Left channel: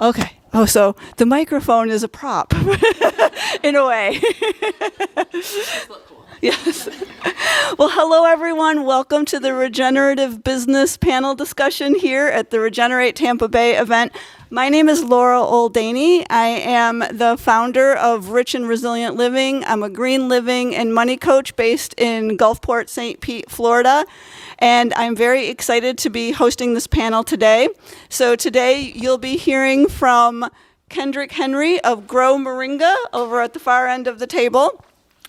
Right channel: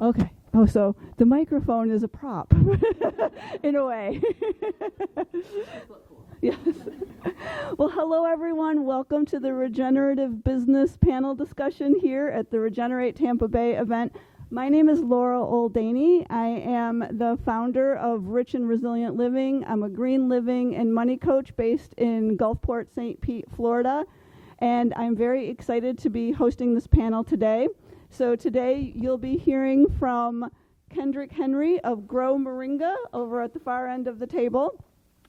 Okay. Oh, so the microphone is a prop in a way. Yes. Well, hello, everyone. Welcome to the Regenerative Business panel discussion here at the Regenerate Tampa Bay event. My name is Laura Oldanie. I am the founder of Rich and Resilient Living. I'm a green living and money coach based in Gulfport, St. Pete, Florida. And I'm very excited to be hosting this panel today. So today you'll be hearing from Kendrick Henry of Grow Moringa over at the far end of the table.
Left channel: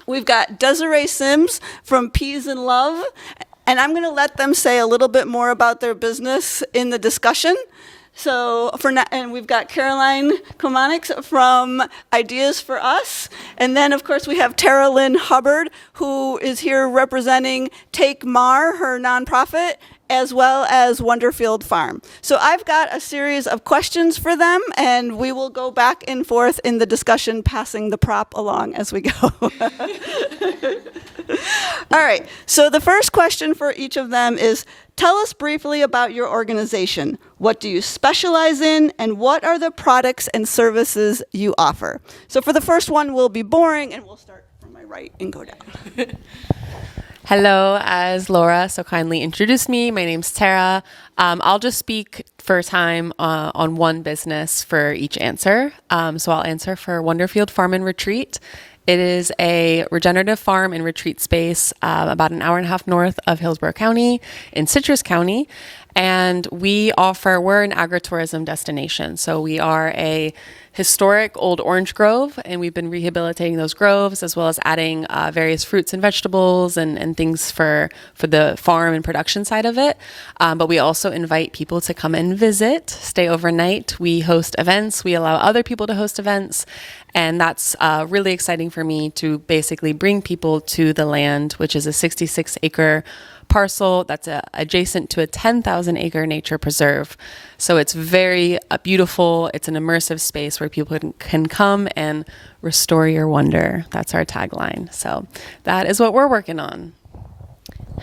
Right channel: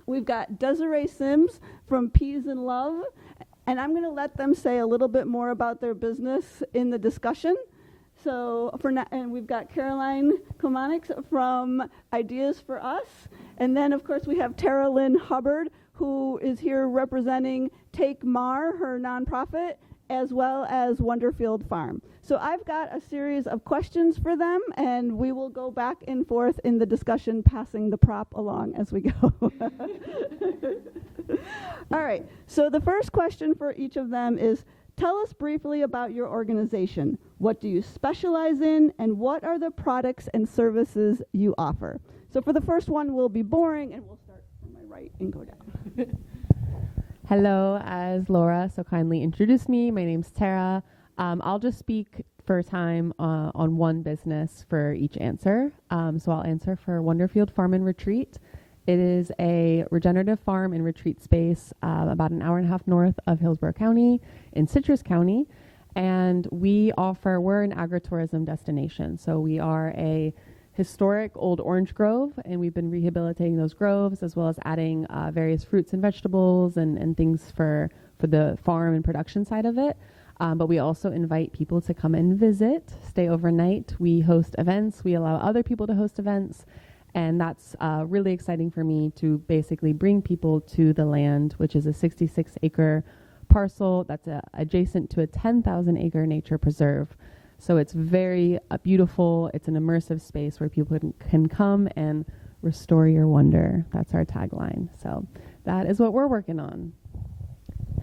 We've got Desiree Sims from Peas in Love, and I'm going to let them say a little bit more about their business in the discussion. So and we've got Caroline Chomanics from IDEASForUs, and then of course we have Tara Lynn Hubbard, who is here representing TakeMAR, her nonprofit, as well as Wonderfield Farm. So I've got a series of questions for them, and we will go back and forth in the discussion, passing the prop along as we go. All right, so the first question for each of them is, tell us briefly about your organization. What do you specialize in, and what are the products and services you offer? So for the first one, we'll be boring, and we'll start from my right and go down. Hello, as Laura so kindly introduced me, my name's Tara. I'll just speak for time on one business for each answer. So I'll answer for Wonderfield Farm and Retreat. It is a regenerative farm and retreat space about an hour and a half north of Hillsborough County in Citrus County. And we're an agritourism destination. So we are a historic old orange grove, and we've been rehabilitating those groves as well as adding various fruits and vegetables and things for the farm and production side of it. But we also invite people to come and visit, stay overnight. We host events. We allow other people to host events. And that's really exciting for me to basically bring people to the land, which is a 66-acre parcel that's adjacent to a 10,000-acre nature preserve. So it's very beautiful. It's an immersive space where people can come and restore your wonder. That's our tagline. So that is what we're working on.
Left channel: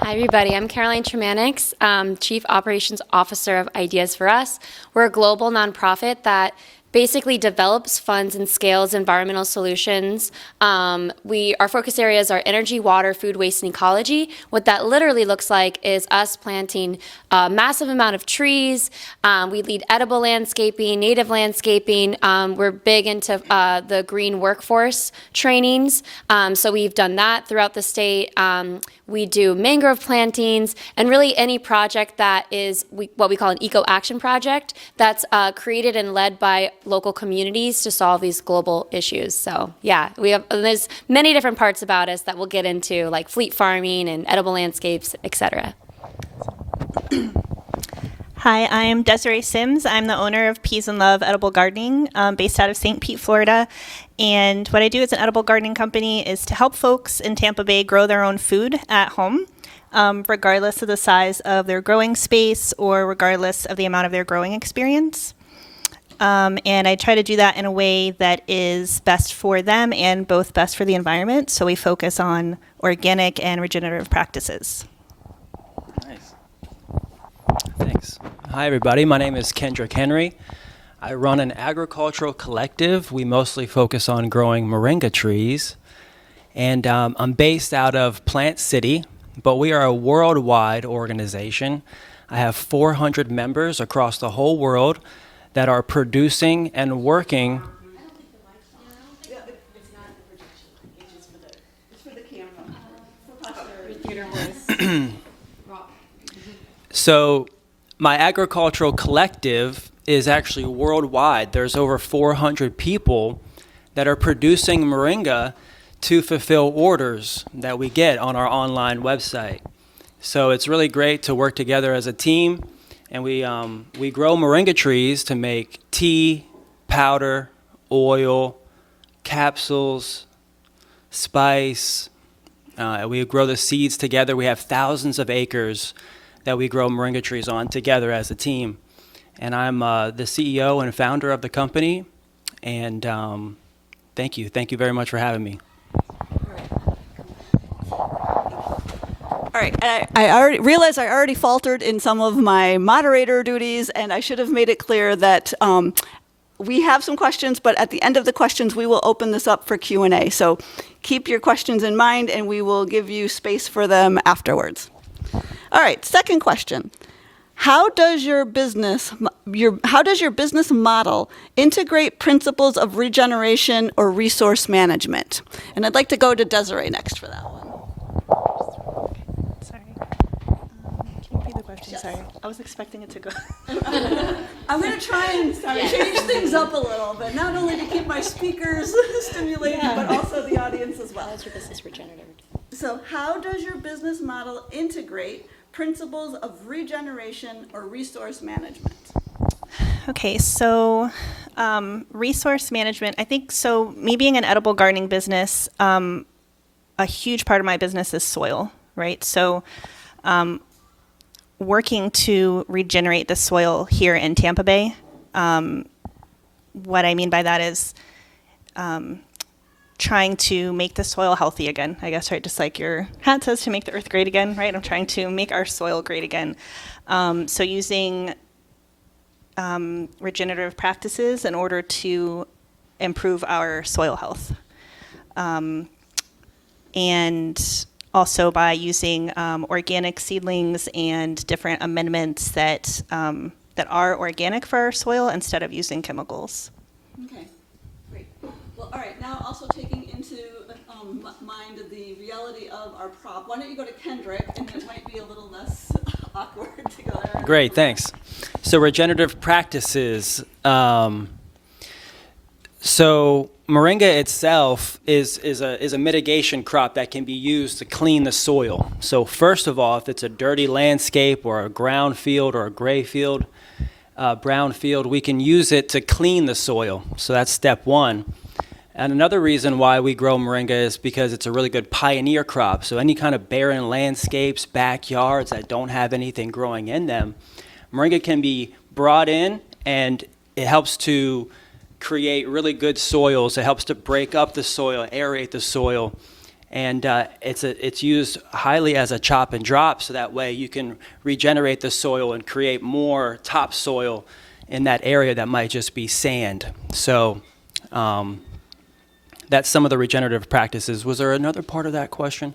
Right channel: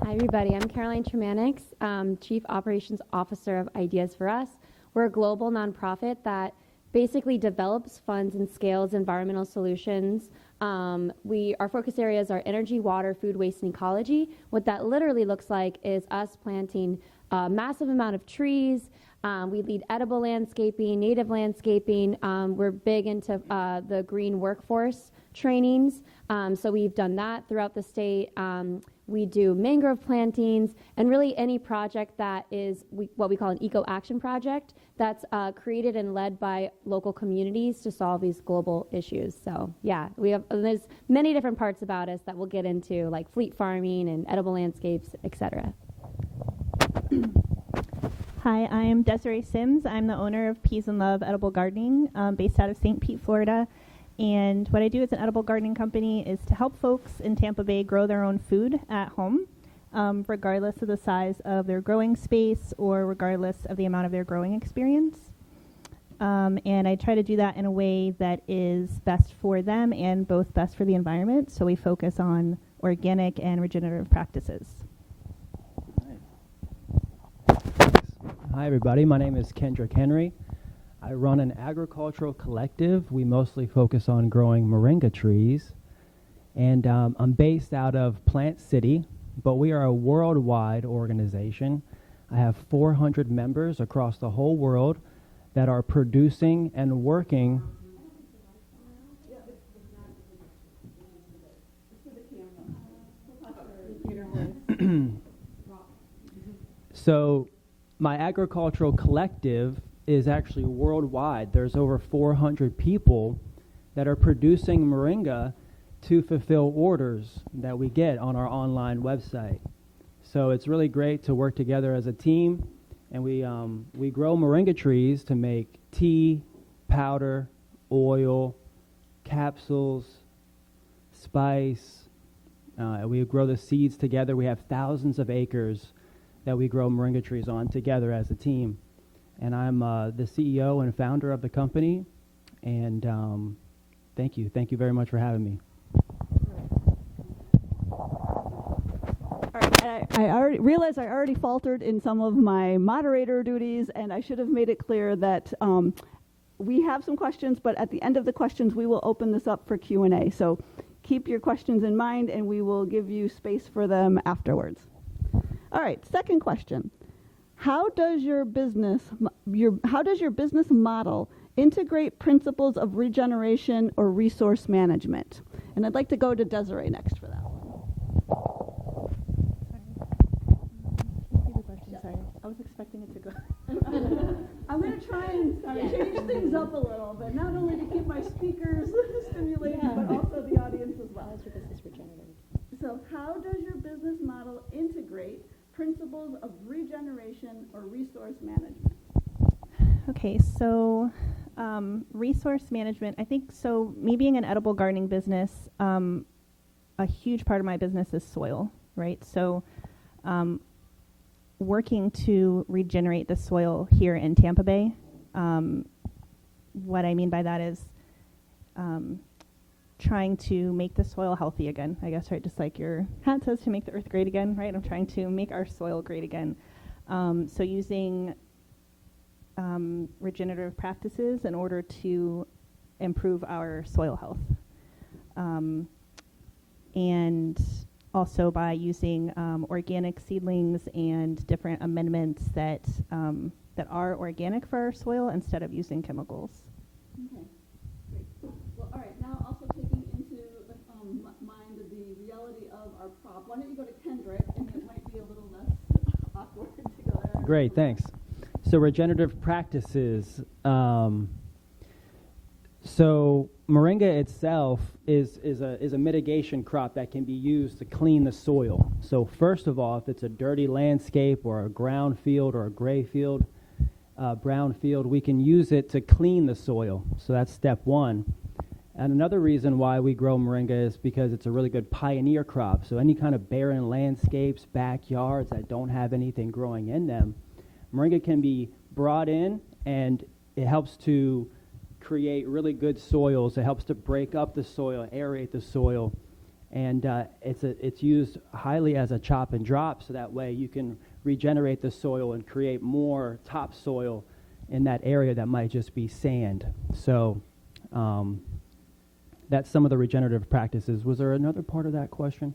Hi, everybody. I'm Caroline Chomanics, Chief Operations Officer of IDEASForUs. We're a global nonprofit that basically develops, funds, and scales environmental solutions. Our focus areas are energy, water, food waste, and ecology. What that literally looks like is us planting a massive amount of trees. We lead edible landscaping, native landscaping. We're big into the green workforce trainings. So we've done that throughout the state. We do mangrove plantings, and really any project that is what we call an eco-action project that's created and led by local communities to solve these global issues. So yeah, there's many different parts about us that we'll get into, like fleet farming and edible landscapes, etc. Hi, I'm Desiree Sims. I'm the owner of Peas in Love Edible Gardening, based out of St. Pete, Florida. And what I do as an edible gardening company is to help folks in Tampa Bay grow their own food at home, regardless of the size of their growing space or regardless of the amount of their growing experience. And I try to do that in a way that is best for them and both best for the environment. So we focus on organic and regenerative practices. Nice. Thanks. Hi, everybody. My name is Kendrick Henry. I run an agricultural collective. We mostly focus on growing moringa trees. And I'm based out of Plant City, but we are a worldwide organization. I have 400 members across the whole world that are producing and working. So my agricultural collective is actually worldwide. There's over 400 people that are producing moringa to fulfill orders that we get on our online website. So it's really great to work together as a team, and we grow moringa trees to make tea, powder, oil, capsules, spice. We grow the seeds together. We have thousands of acres that we grow moringa trees on together as a team. And I'm the CEO and founder of the company. And thank you. Thank you very much for having me. All right, and I already realized I already faltered in some of my moderator duties, and I should have made it clear that we have some questions, but at the end of the questions, we will open this up for Q&A. So keep your questions in mind, and we will give you space for them afterwards. All right, second question. How does your business model integrate principles of regeneration or resource management? And I'd like to go to Desiree next for that one. Sorry. Can you repeat the question? Yes. Sorry. I was expecting it to go. I'm going to try and change things up a little bit, not only to keep my speakers stimulated, but also the audience as well. How's your business regenerative? So how does your business model integrate principles of regeneration or resource management? Okay, so resource management, I think, so me being an edible gardening business, a huge part of my business is soil, right? So working to regenerate the soil here in Tampa Bay, what I mean by that is trying to make the soil healthy again, I guess, right? Just like your hat says, to make the earth great again, right? I'm trying to make our soil great again. So using regenerative practices in order to improve our soil health. And also by using organic seedlings and different amendments that are organic for our soil instead of using chemicals. Okay, great. Well, all right, now also taking into mind the reality of our prop. Why don't you go to Kendrick, and it might be a little less awkward to go there. Great, thanks. So regenerative practices. So Moringa itself is a mitigation crop that can be used to clean the soil. So first of all, if it's a dirty landscape or a ground field or a gray field, brown field, we can use it to clean the soil. So that's step one. And another reason why we grow Moringa is because it's a really good pioneer crop. So any kind of barren landscapes, backyards that don't have anything growing in them, Moringa can be brought in, and it helps to create really good soils. It helps to break up the soil, aerate the soil, and it's used highly as a chop and drop, so that way you can regenerate the soil and create more topsoil in that area that might just be sand. So that's some of the regenerative practices. Was there another part of that question?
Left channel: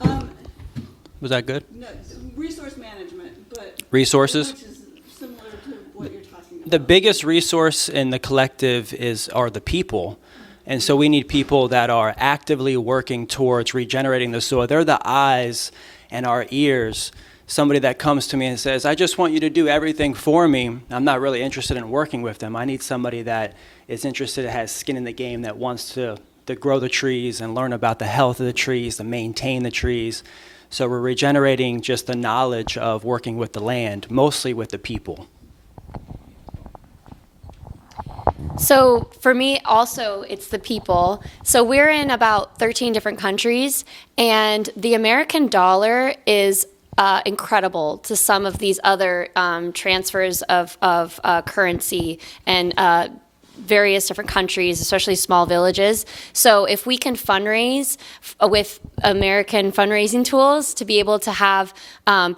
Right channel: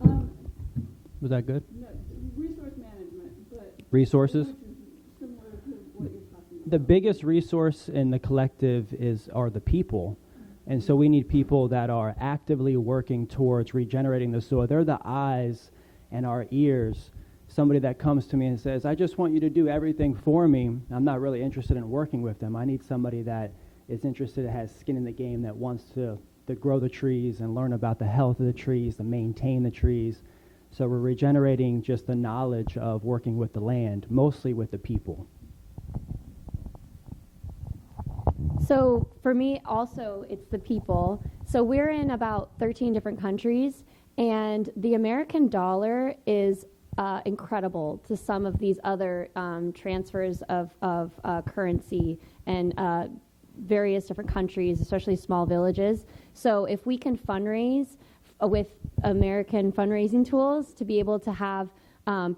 Was that good? No, resource management, but resources? which is similar to what you're talking about. The biggest resource in the collective are the people. And so we need people that are actively working towards regenerating the soil. They're the eyes and our ears. Somebody that comes to me and says, I just want you to do everything for me. I'm not really interested in working with them. I need somebody that is interested, that has skin in the game, that wants to grow the trees and learn about the health of the trees, to maintain the trees. So we're regenerating just the knowledge of working with the land, mostly with the people. So for me, also, it's the people. So we're in about 13 different countries, and the American dollar is incredible to some of these other transfers of currency and various different countries, especially small villages. So if we can fundraise with American fundraising tools to be able to have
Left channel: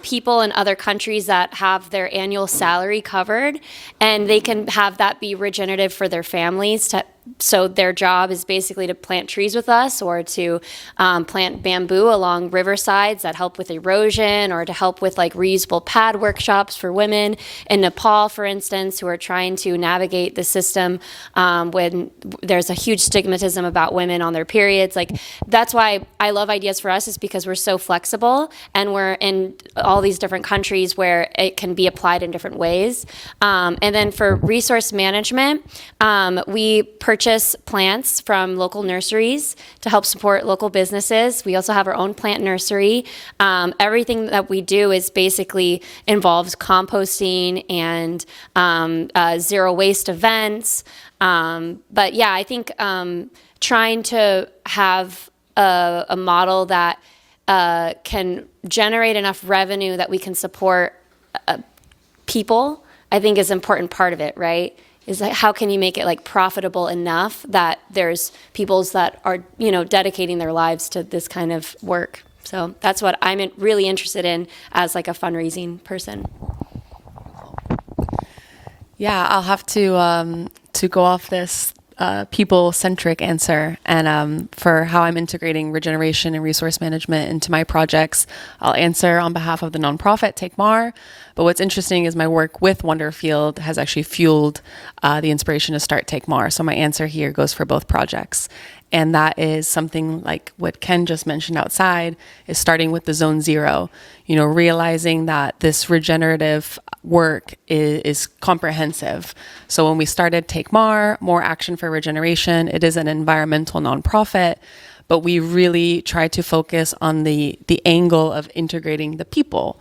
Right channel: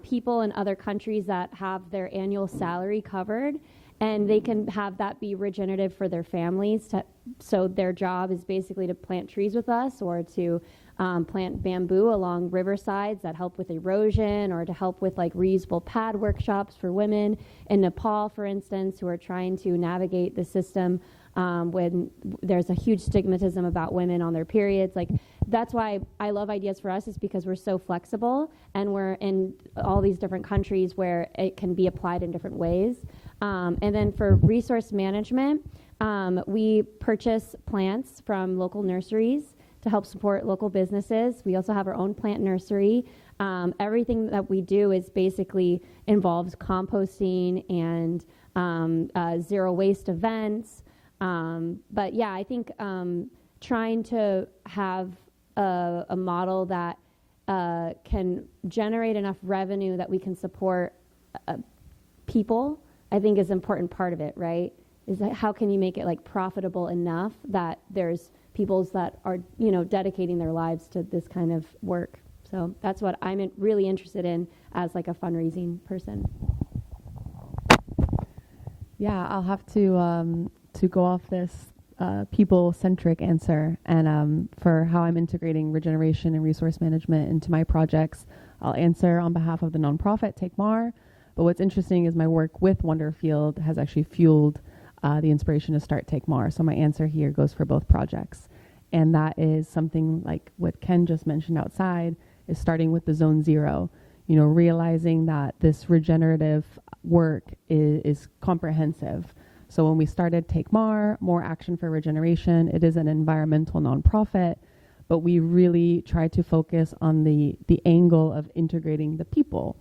people in other countries that have their annual salary covered, and they can have that be regenerative for their families, so their job is basically to plant trees with us, or to plant bamboo along riversides that help with erosion, or to help with like reusable pad workshops for women in Nepal, for instance, who are trying to navigate the system when there's a huge stigmatism about women on their periods. Like, that's why I love Ideas for Us, is because we're so flexible, and we're in all these different countries where it can be applied in different ways. And then for resource management, we purchase plants from local nurseries to help support local businesses. We also have our own plant nursery. Everything that we do is basically involves composting and zero waste events. But yeah, I think trying to have a model that can generate enough revenue that we can support people, I think is an important part of it, right? Is like, how can you make it like profitable enough that there's peoples that are, dedicating their lives to this kind of work. So that's what I'm really interested in as like a fundraising person. Yeah, I'll have to to go off this people-centric answer, and for how I'm integrating regeneration and resource management into my projects, I'll answer on behalf of the nonprofit TakeMAR. But what's interesting is my work with Wonderfield has actually fueled the inspiration to start TakeMAR. So my answer here goes for both projects. And that is something like what Ken just mentioned outside, is starting with the zone zero, realizing that this regenerative work is comprehensive. So when we started TakeMAR, More Action for Regeneration, it is an environmental nonprofit, but we really try to focus on the angle of integrating the people.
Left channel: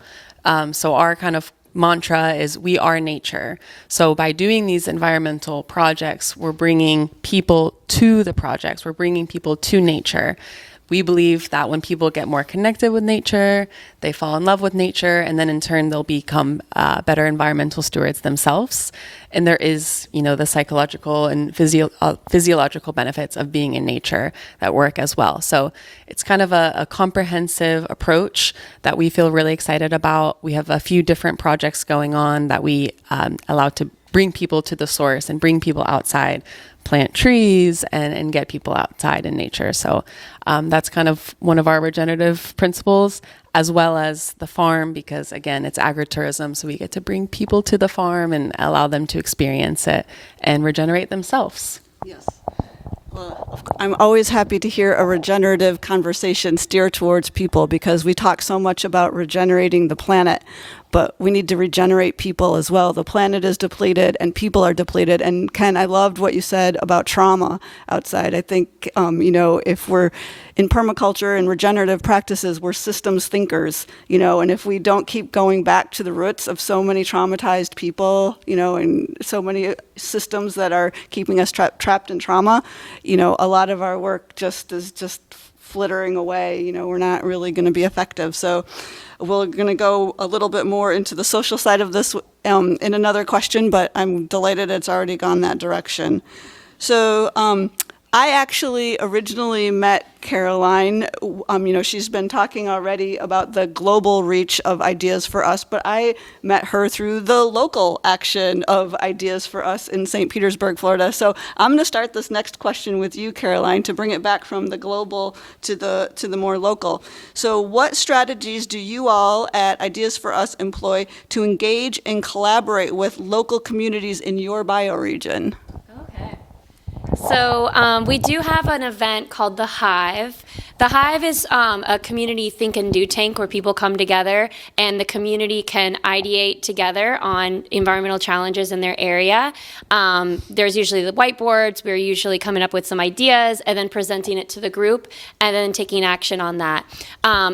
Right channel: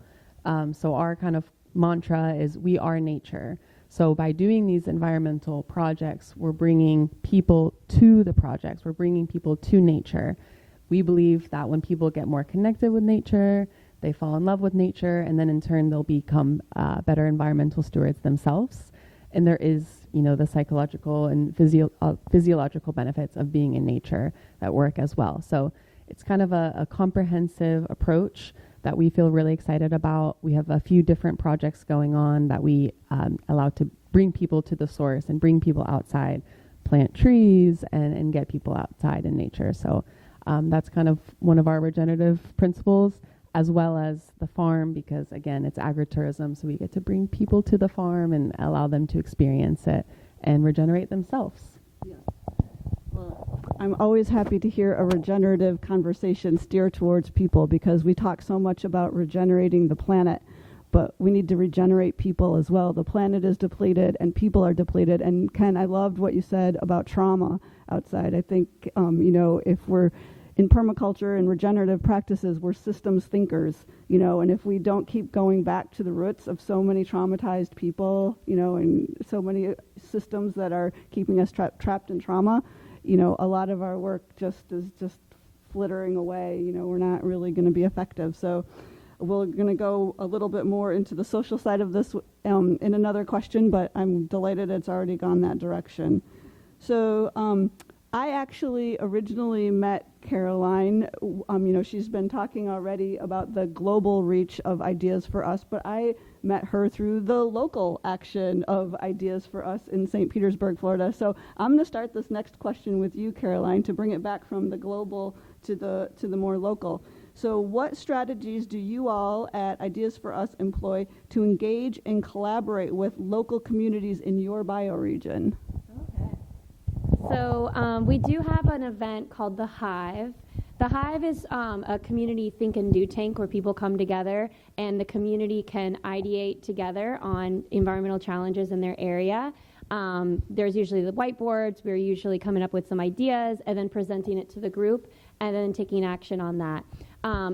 So our kind of mantra is we are nature. So by doing these environmental projects, we're bringing people to the projects. We're bringing people to nature. We believe that when people get more connected with nature, they fall in love with nature, and then in turn, they'll become better environmental stewards themselves. And there is, the psychological and physiological benefits of being in nature that work as well. So it's kind of a comprehensive approach that we feel really excited about. We have a few different projects going on that we allow to bring people to the source and bring people outside, plant trees and get people outside in nature. So that's kind of one of our regenerative principles, as well as the farm, because again, it's agritourism. So we get to bring people to the farm and allow them to experience it and regenerate themselves. Yes. Well, I'm always happy to hear a regenerative conversation steer towards people, because we talk so much about regenerating the planet, but we need to regenerate people as well. The planet is depleted and people are depleted. And Ken, I loved what you said about trauma outside. I think, if we're in permaculture and regenerative practices, we're systems thinkers, and if we don't keep going back to the roots of so many traumatized people, and so many systems that are keeping us trapped in trauma, a lot of our work is just flittering away. We're not really going to be effective. So we're going to go a little bit more into the social side of this in another question, but I'm delighted it's already gone that direction. So I actually originally met Caroline. She's been talking already about the global reach of Ideas for Us, but I met her through the local action of Ideas for Us in St. Petersburg, Florida. So I'm going to start this next question with you, Caroline, to bring it back from the global to the more local. So what strategies do you all at Ideas for Us employ to engage and collaborate with local communities in your bioregion? So we do have an event called The Hive. The Hive is a community think and do tank where people come together and the community can ideate together on environmental challenges in their area. There's usually the whiteboards. We're usually coming up with some ideas and then presenting it to the group and then taking action on that.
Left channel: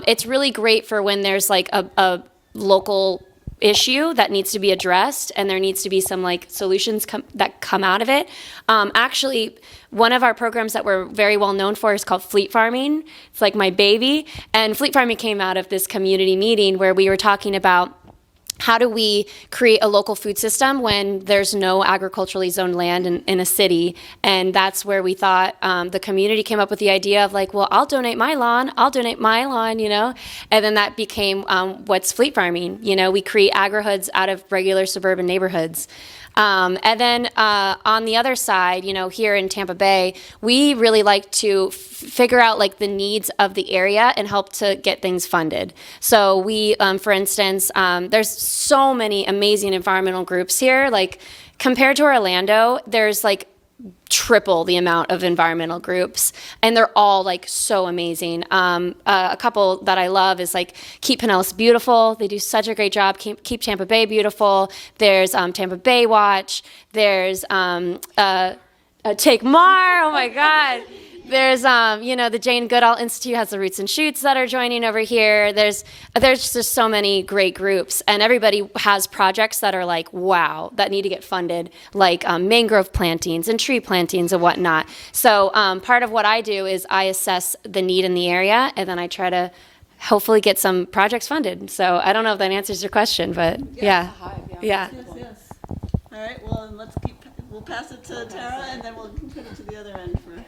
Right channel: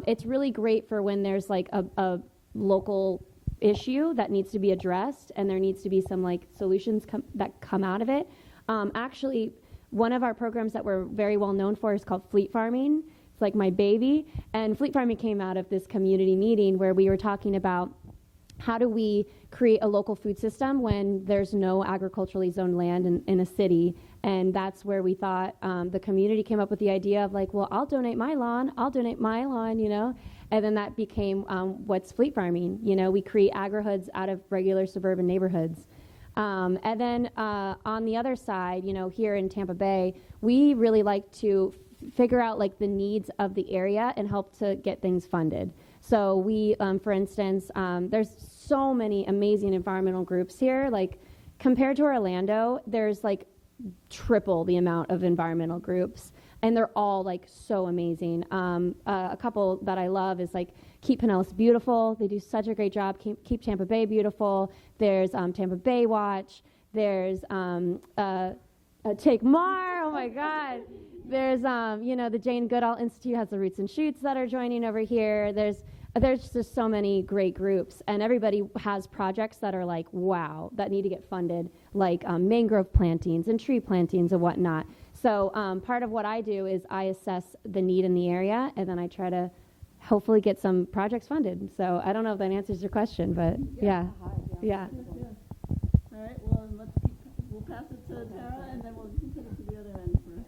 It's really great for when there's like a local issue that needs to be addressed and there needs to be some solutions that come out of it. Actually, one of our programs that we're very well known for is called Fleet Farming. It's like my baby. And Fleet Farming came out of this community meeting where we were talking about how do we create a local food system when there's no agriculturally zoned land in a city? And that's where we thought the community came up with the idea of I'll donate my lawn, And then that became what's fleet farming. We create agri-hoods out of regular suburban neighborhoods. And then on the other side, here in Tampa Bay, we really like to figure out the needs of the area and help to get things funded. So we, for instance, there's so many amazing environmental groups here. Compared to Orlando, there's triple the amount of environmental groups, and they're all so amazing. A couple that I love is Keep Pinellas Beautiful. They do such a great job. Keep Tampa Bay Beautiful. There's Tampa Bay Watch. There's TakeMAR. Oh my God. There's the Jane Goodall Institute has the Roots and Shoots that are joining over here. There's just so many great groups, and everybody has projects that are wow, that need to get funded, mangrove plantings and tree plantings and whatnot. So part of what I do is I assess the need in the area, and then I try to hopefully get some projects funded. So I don't know if that answers your question, but yeah. Yes. All right. Well, we'll pass it to Tara, and then we'll put it to the other end for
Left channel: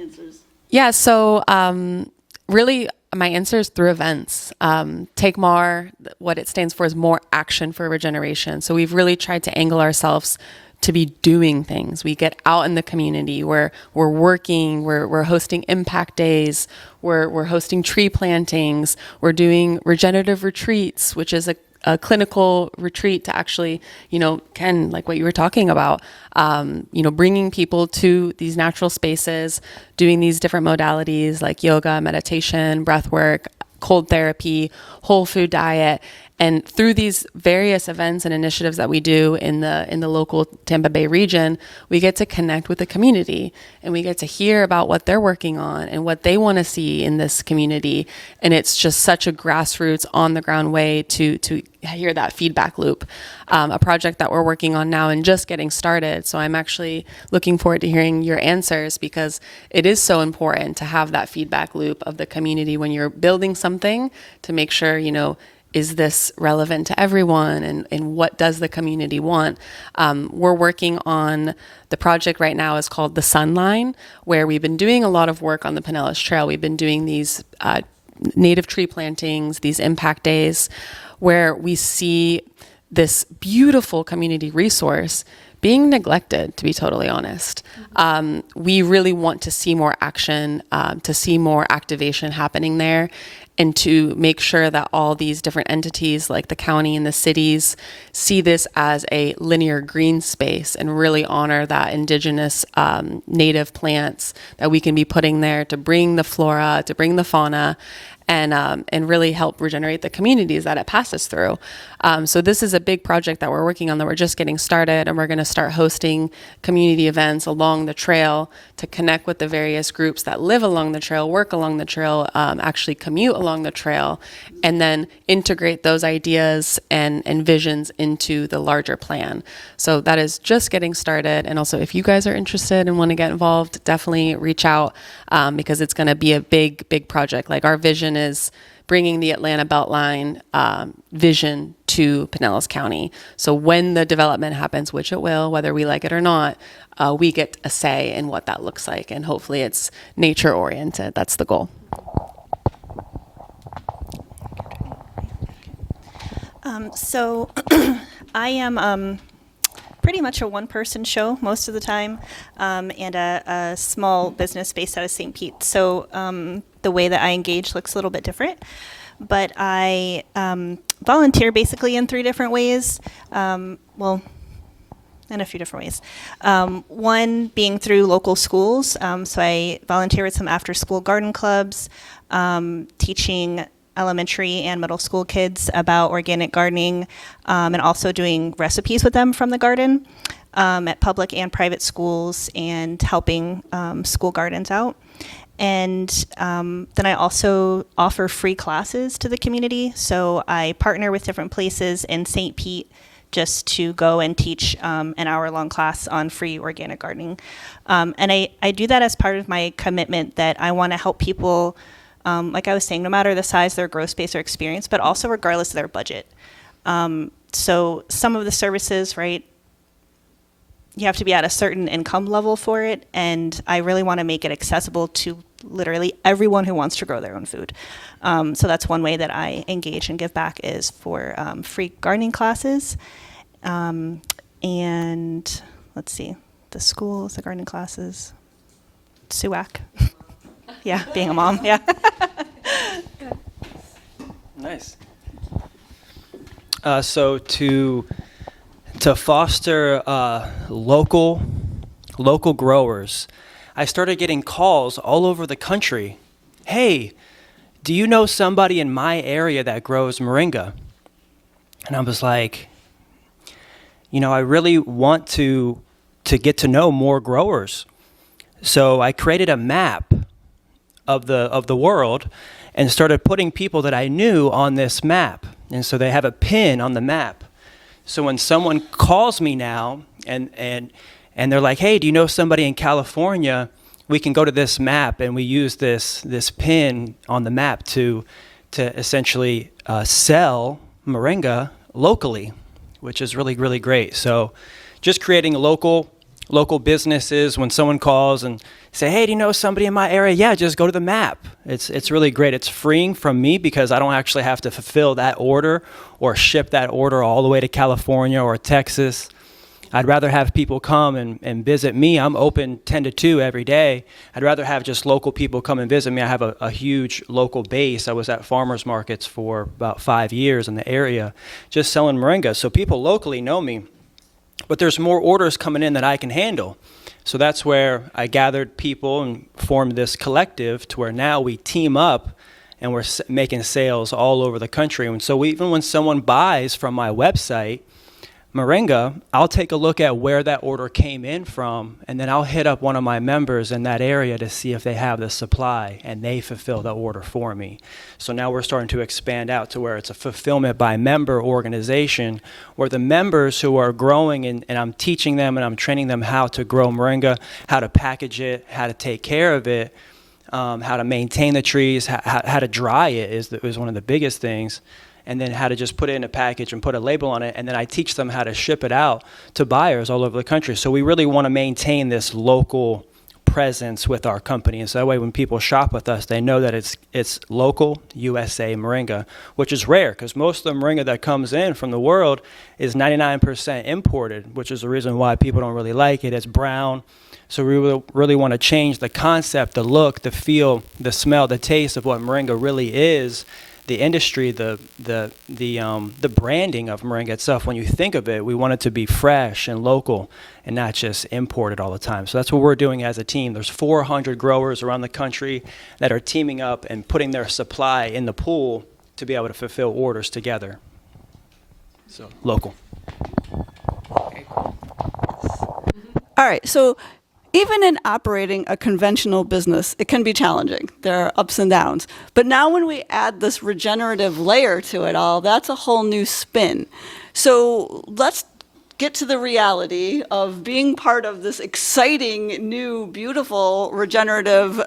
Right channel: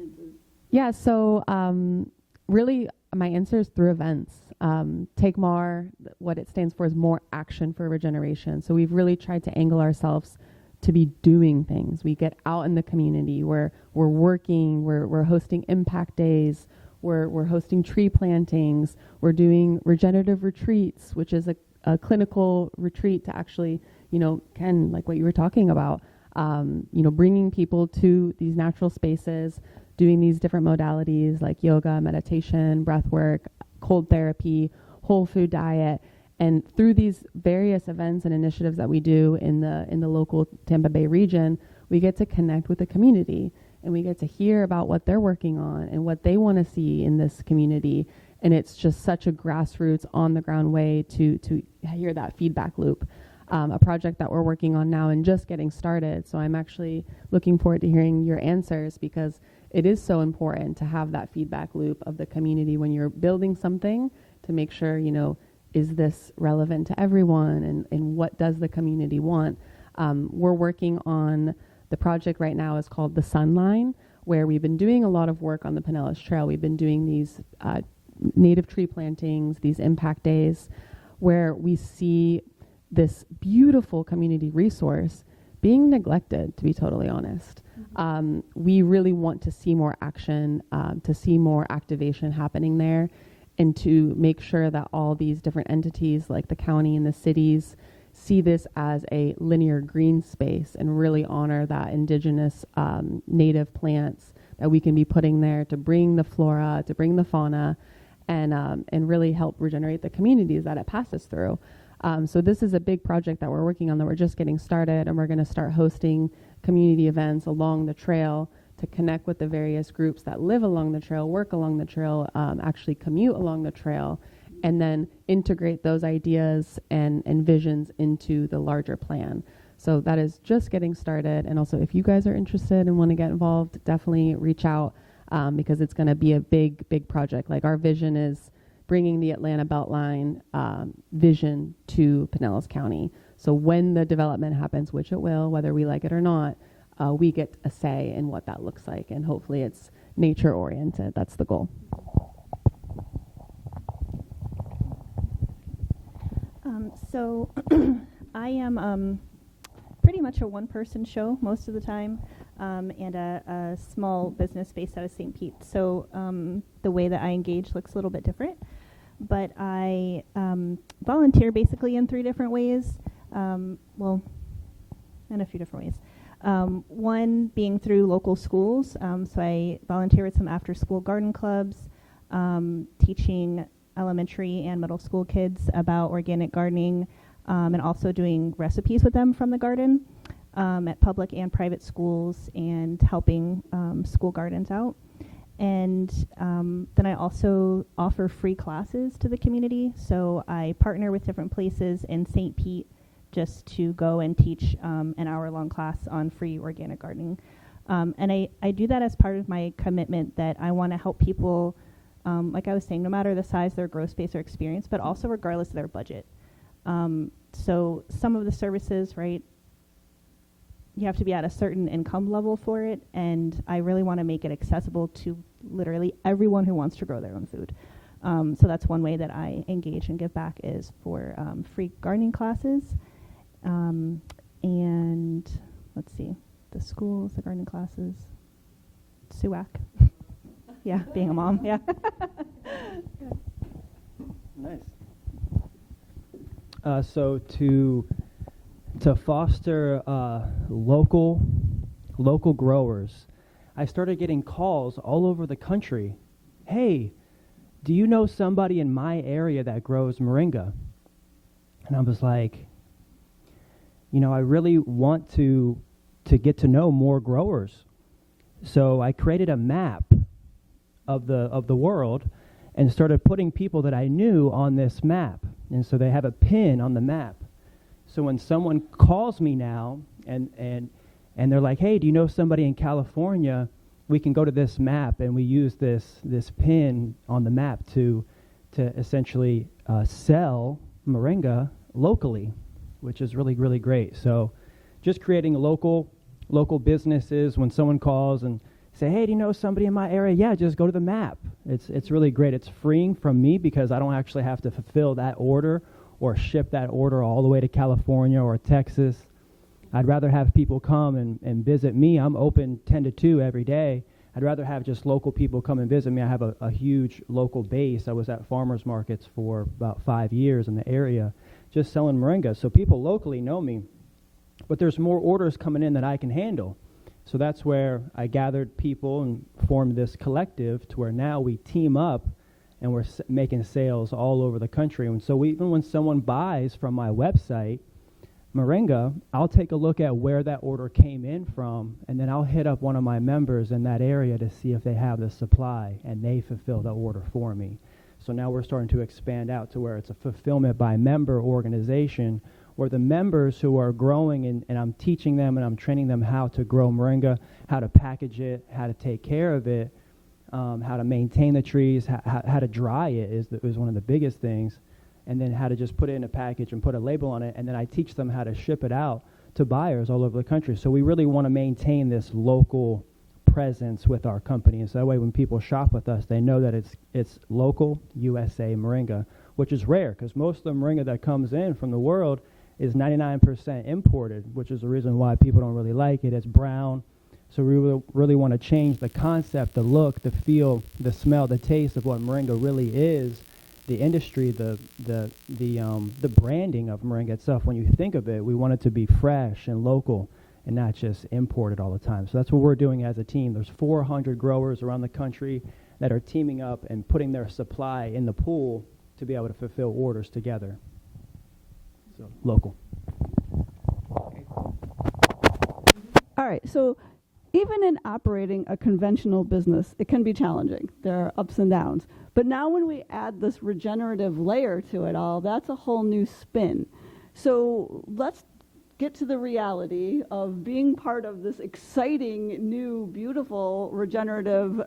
answers. Yeah, so really my answer is through events. TakeMAR, what it stands for is More Action for Regeneration. So we've really tried to angle ourselves to be doing things. We get out in the community. We're working. We're hosting impact days. We're hosting tree plantings. We're doing regenerative retreats, which is a clinical retreat to actually, Ken, like what you were talking about, bringing people to these natural spaces, doing these different modalities like yoga, meditation, breath work, cold therapy, whole food diet. And through these various events and initiatives that we do in the local Tampa Bay region, we get to connect with the community, and we get to hear about what they're working on and what they want to see in this community. And it's just such a grassroots, on the ground way to hear that feedback loop. A project that we're working on now and just getting started. So I'm actually looking forward to hearing your answers, because it is so important to have that feedback loop of the community when you're building something, to make sure, is this relevant to everyone, and what does the community want? We're working on the project right now is called the Sunline, where we've been doing a lot of work on the Pinellas Trail. We've been doing these native tree plantings, these impact days, where we see this beautiful community resource being neglected, to be totally honest. We really want to see more action, to see more activation happening there, and to make sure that all these different entities like the county and the cities see this as a linear green space and really honor that indigenous native plants that we can be putting there to bring the flora, to bring the fauna, and really help regenerate the communities that it passes through. So this is a big project that we're working on, that we're just getting started, and we're going to start hosting community events along the trail to connect with the various groups that live along the trail, work along the trail, actually commute along the trail, and then integrate those ideas and visions into the larger plan. So that is just getting started. And also, if you guys are interested and want to get involved, definitely reach out, because it's going to be a big project. Like, our vision is bringing the Atlanta Beltline vision to Pinellas County. So when the development happens, which it will, whether we like it or not, we get a say in what that looks like. And hopefully it's nature oriented. That's the goal. So I am pretty much a one-person show most of the time, and a small business based out of St. Pete. So the way that I engage looks a little bit different. But I volunteer basically in 3 different ways. Well, in a few different ways. One being through local schools. So I volunteer with some after-school garden clubs, teaching elementary and middle school kids about organic gardening, and also doing recipes with them from the garden at public and private schools, and helping school gardens out. And then I also offer free classes to the community. So I partner with different places in St. Pete just to go and teach an hour-long class on free organic gardening. And I do that as part of my commitment that I want to help people, like I was saying, no matter the size of their growth space or experience, but also regardless of their budget. So some of the services, right, you have to be at a certain income level for it, and I really want to make it accessible to literally everyone who wants to grow their own food. So that's one way that I engage and give back, is for free gardening classes. And let's see, the schools, the gardening classes, SUAC. Yeah, being a mom, yeah. Nice. So to foster local growers, I started getting calls all over the country. Hey, do you know somebody in my area that grows moringa? And I was like, I really want to get to know more growers. So I created a map of the world and started putting people that I knew on this map. And so they have a pin on the map. So when someone calls me now and they're like, hey, do you know somebody in California? We can go to this map, and we use this pin on the map to essentially sell moringa locally, which is really, really great. So just creating local businesses. When someone calls and say, hey, do you know somebody in my area? Yeah, just go to the map. It's really great. It's freeing from me, because I don't actually have to fulfill that order or ship that order all the way to California or Texas. I'd rather have people come and visit me. I'm open 10 to 2 every day. I'd rather have just local people come and visit me. I have a huge local base. I was at farmers markets for about 5 years in the area just selling moringa. So people locally know me, but there's more orders coming in that I can handle. So that's where I gathered people and formed this collective to where now we team up and we're making sales all over the country. And so even when someone buys from my website, Moringa, I'll take a look at where that order came in from, and then I'll hit up one of my members in that area to see if they have the supply, and they fulfill the order for me. So now we're starting to expand out to where it's a fulfillment by member organization, where the members who are growing, and I'm teaching them and I'm training them how to grow Moringa, how to package it, how to take care of it, how to maintain the trees, how to dry it is one of the biggest things. And then how to just put it in a package and put a label on it. And then I teach them how to ship it out to buyers all over the country. So we really want to maintain this local presence with our company. And so that way when people shop with us, they know that it's local USA Moringa, which is rare because most of the Moringa that comes in from the world is 99% imported, which is the reason why people don't really like it. It's brown. So we really want to change the concept, the look, the feel, the smell, the taste of what Moringa really is. The industry, the branding of Moringa itself, when you think of it, we want it to be fresh and local and not just imported all the time. So that's what we're doing as a team. There's 400 growers around the country that are teaming up and putting their supply in the pool to be able to fulfill orders together. So local. All right, so even in operating a conventional business, it can be challenging. There are ups and downs. But now when we add this regenerative layer to it all, that's a whole new spin. So let's get to the reality of being part of this exciting, new, beautiful, regenerative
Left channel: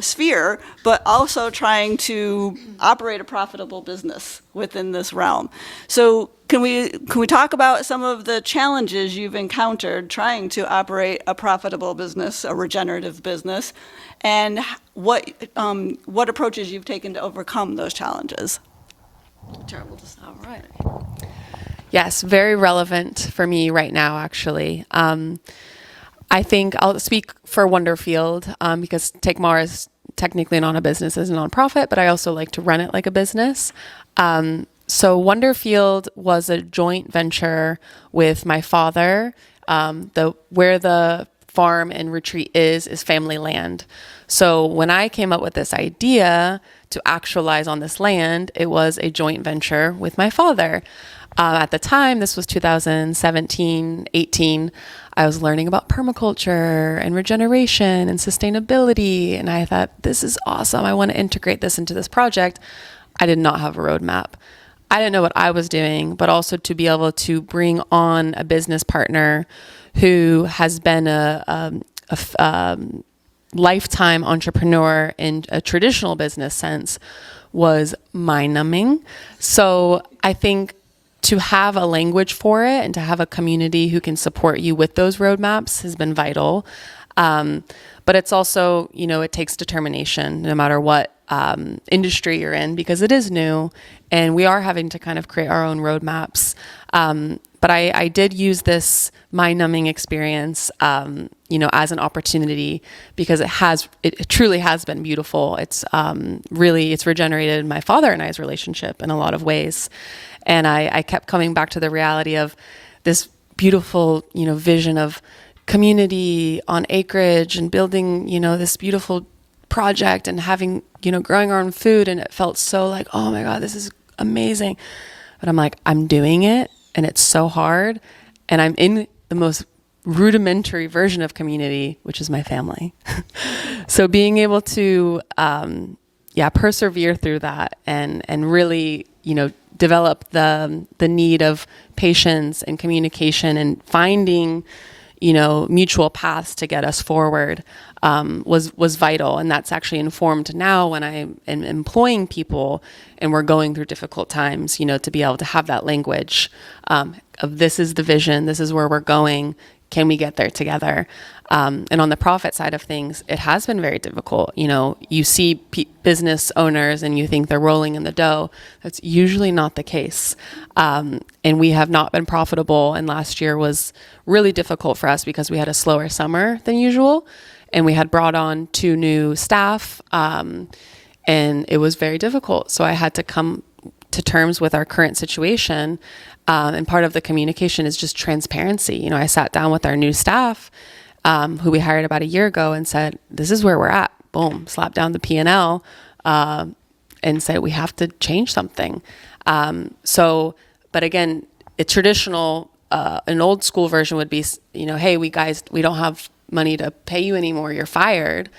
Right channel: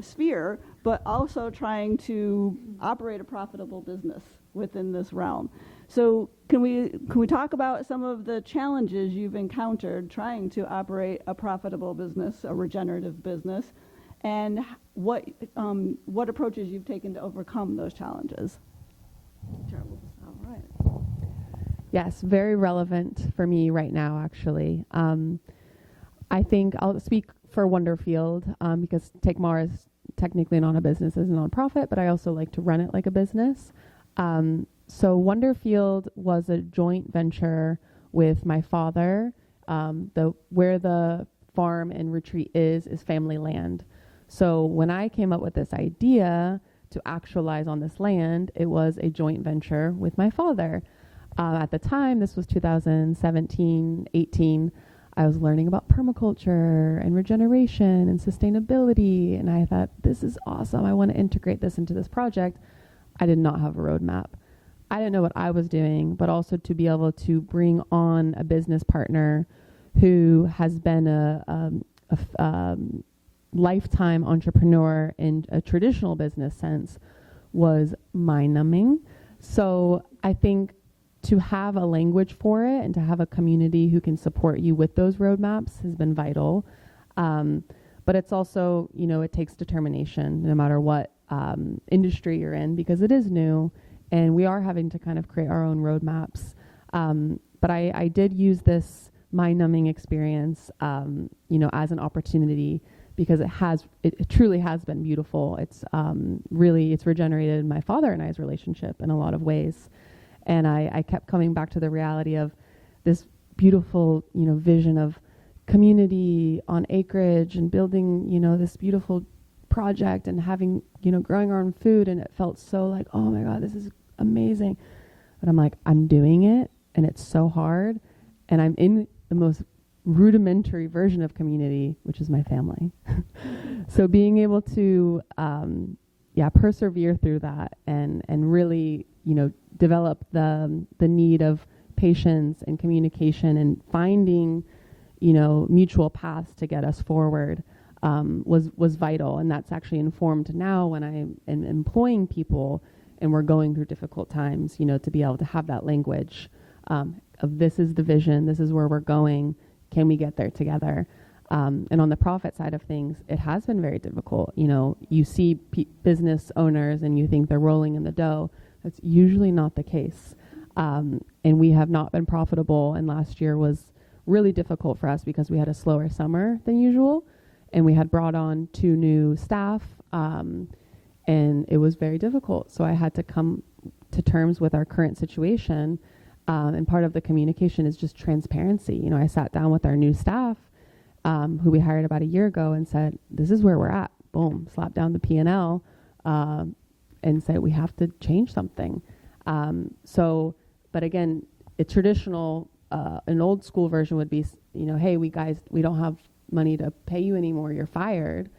sphere, but also trying to operate a profitable business within this realm. So can we talk about some of the challenges you've encountered trying to operate a profitable business, a regenerative business, and what approaches you've taken to overcome those challenges? Terrible to say. All right. Yes, very relevant for me right now, actually. I think I'll speak for Wonderfield because TakeMAR is technically not a business, it's a nonprofit, but I also like to run it like a business. So Wonderfield was a joint venture with my father. Where the farm and retreat is family land. So when I came up with this idea to actualize on this land, it was a joint venture with my father. At the time, this was 2017, 18, I was learning about permaculture and regeneration and sustainability. And I thought, this is awesome. I want to integrate this into this project. I did not have a roadmap. I didn't know what I was doing, but also to be able to bring on a business partner who has been a lifetime entrepreneur in a traditional business sense was mind-numbing. So I think to have a language for it and to have a community who can support you with those roadmaps has been vital. But it's also, it takes determination no matter what industry you're in, because it is new and we are having to kind of create our own roadmaps. But I did use this mind-numbing experience, as an opportunity because it truly has been beautiful. It's regenerated my father and I's relationship in a lot of ways. And I kept coming back to the reality of this beautiful, vision of community on acreage and building, this beautiful project and having, growing our own food. And it felt so like, oh my God, this is amazing. But I'm like, I'm doing it and it's so hard. And I'm in the most rudimentary version of community, which is my family. So being able to, persevere through that and really, develop the need of patience and communication and finding, mutual paths to get us forward was vital. And that's actually informed now when I am employing people and we're going through difficult times, to be able to have that language of this is the vision, this is where we're going. can we get there together? And on the profit side of things, it has been very difficult. You know, you see business owners and you think they're rolling in the dough. That's usually not the case. And we have not been profitable. And last year was really difficult for us because we had a slower summer than usual. And we had brought on 2 new staff. And it was very difficult. So I had to come to terms with our current situation. And part of the communication is just transparency. You know, I sat down with our new staff, who we hired about a year ago, and said, this is where we're at. Boom, slap down the P&L, and said, we have to change something. But again, a traditional, an old school version would be, you know, hey, we don't have money to pay you anymore. You're fired.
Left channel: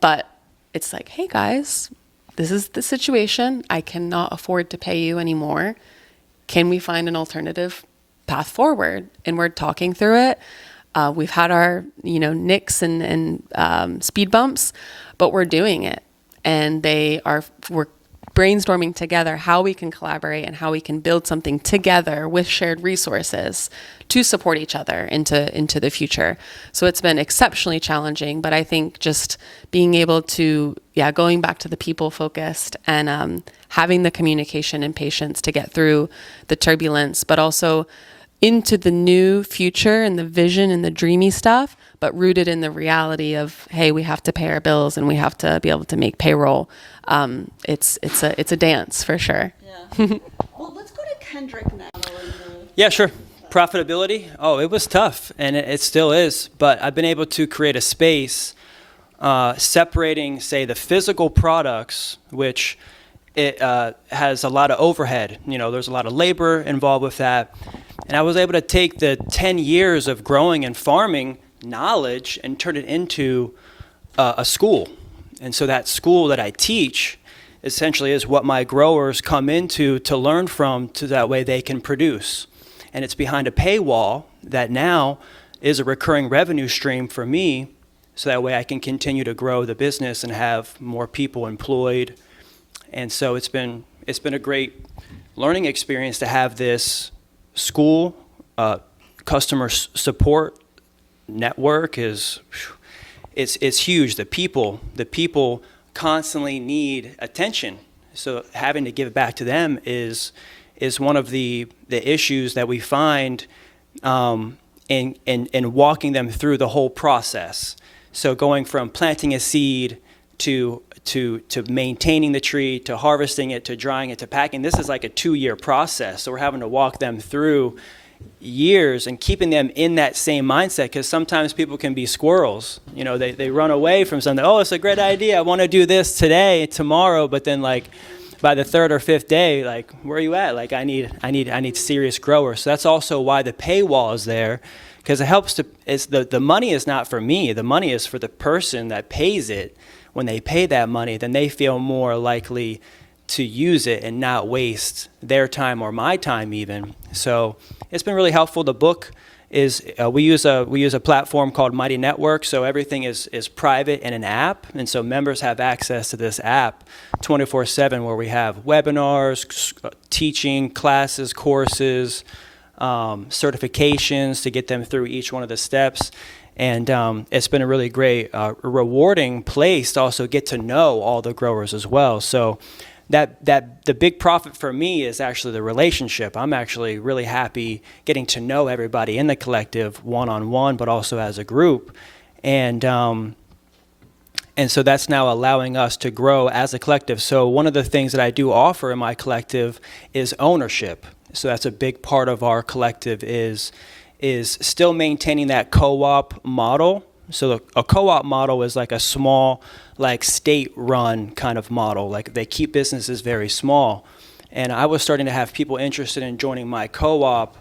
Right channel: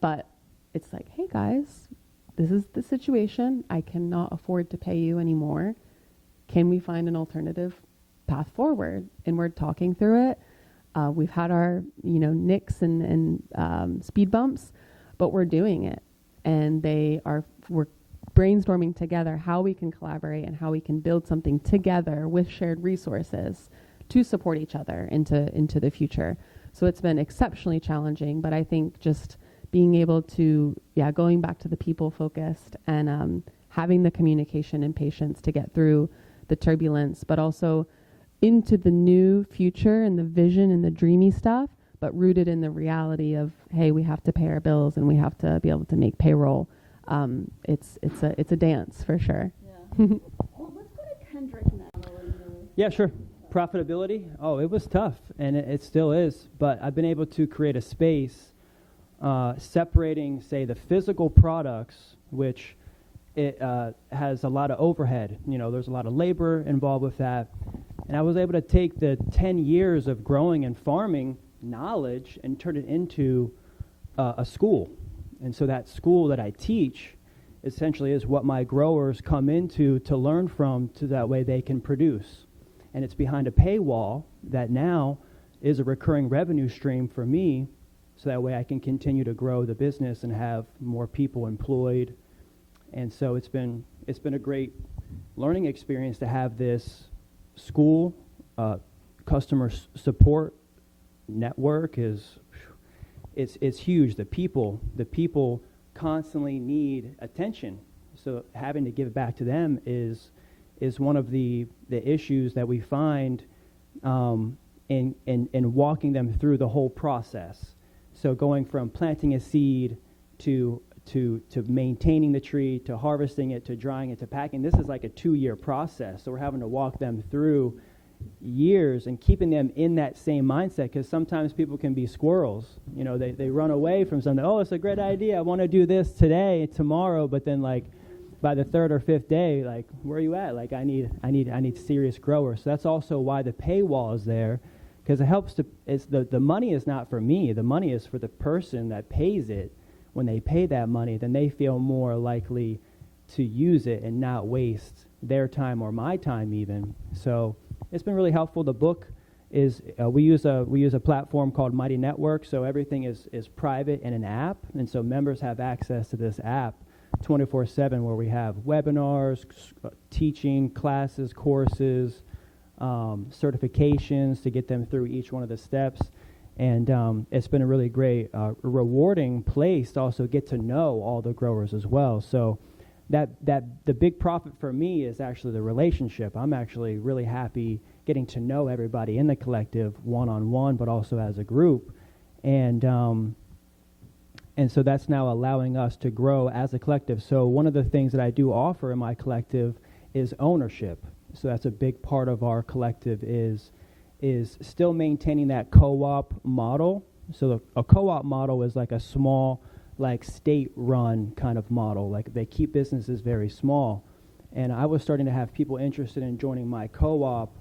But it's like, hey guys, this is the situation. I cannot afford to pay you anymore. Can we find an alternative path forward? And we're talking through it. We've had our, you know, nicks and speed bumps, but we're doing it. And we're brainstorming together how we can collaborate and how we can build something together with shared resources to support each other into the future. So it's been exceptionally challenging, but I think just being able to, going back to the people focused and having the communication and patience to get through the turbulence, but also into the new future and the vision and the dreamy stuff, but rooted in the reality of, hey, we have to pay our bills and we have to be able to make payroll. It's a dance for sure. Yeah. Well, let's go to Kendrick now. Yeah, sure. Profitability. Oh, it was tough, and it still is. But I've been able to create a space separating, say, the physical products, which it has a lot of overhead. You know, there's a lot of labor involved with that. And I was able to take the 10 years of growing and farming knowledge and turn it into a school. And so that school that I teach essentially is what my growers come into to learn from, to that way they can produce. And it's behind a paywall that now is a recurring revenue stream for me, so that way I can continue to grow the business and have more people employed. And so it's been a great learning experience to have this school. Customer support network it's huge. The people constantly need attention. So having to give it back to them is one of the issues that we find in walking them through the whole process. So going from planting a seed to maintaining the tree, to harvesting it, to drying it, to packing, this is like a 2-year process. So we're having to walk them through years and keeping them in that same mindset, because sometimes people can be squirrels. You know, they run away from something. Oh, it's a great idea. I want to do this today, tomorrow, but then like by the 3rd or 5th day, like, where are you at? Like, I need serious growers. So that's also why the paywall is there, because it helps the money is not for me. The money is for the person that pays it. When they pay that money, then they feel more likely to use it and not waste their time or my time even. So it's been really helpful. The book is we use a platform called Mighty Network, so everything is private in an app, and so members have access to this app 24/7, where we have webinars, teaching, classes, courses, certifications to get them through each one of the steps. And it's been a really great, rewarding place to also get to know all the growers as well. So that the big profit for me is actually the relationship. I'm actually really happy getting to know everybody in the collective one-on-one, but also as a group. And so that's now allowing us to grow as a collective. So one of the things that I do offer in my collective is ownership. So that's a big part of our collective is still maintaining that co-op model. So a co-op model is like a small, like state-run kind of model. Like they keep businesses very small. And I was starting to have people interested in joining my co-op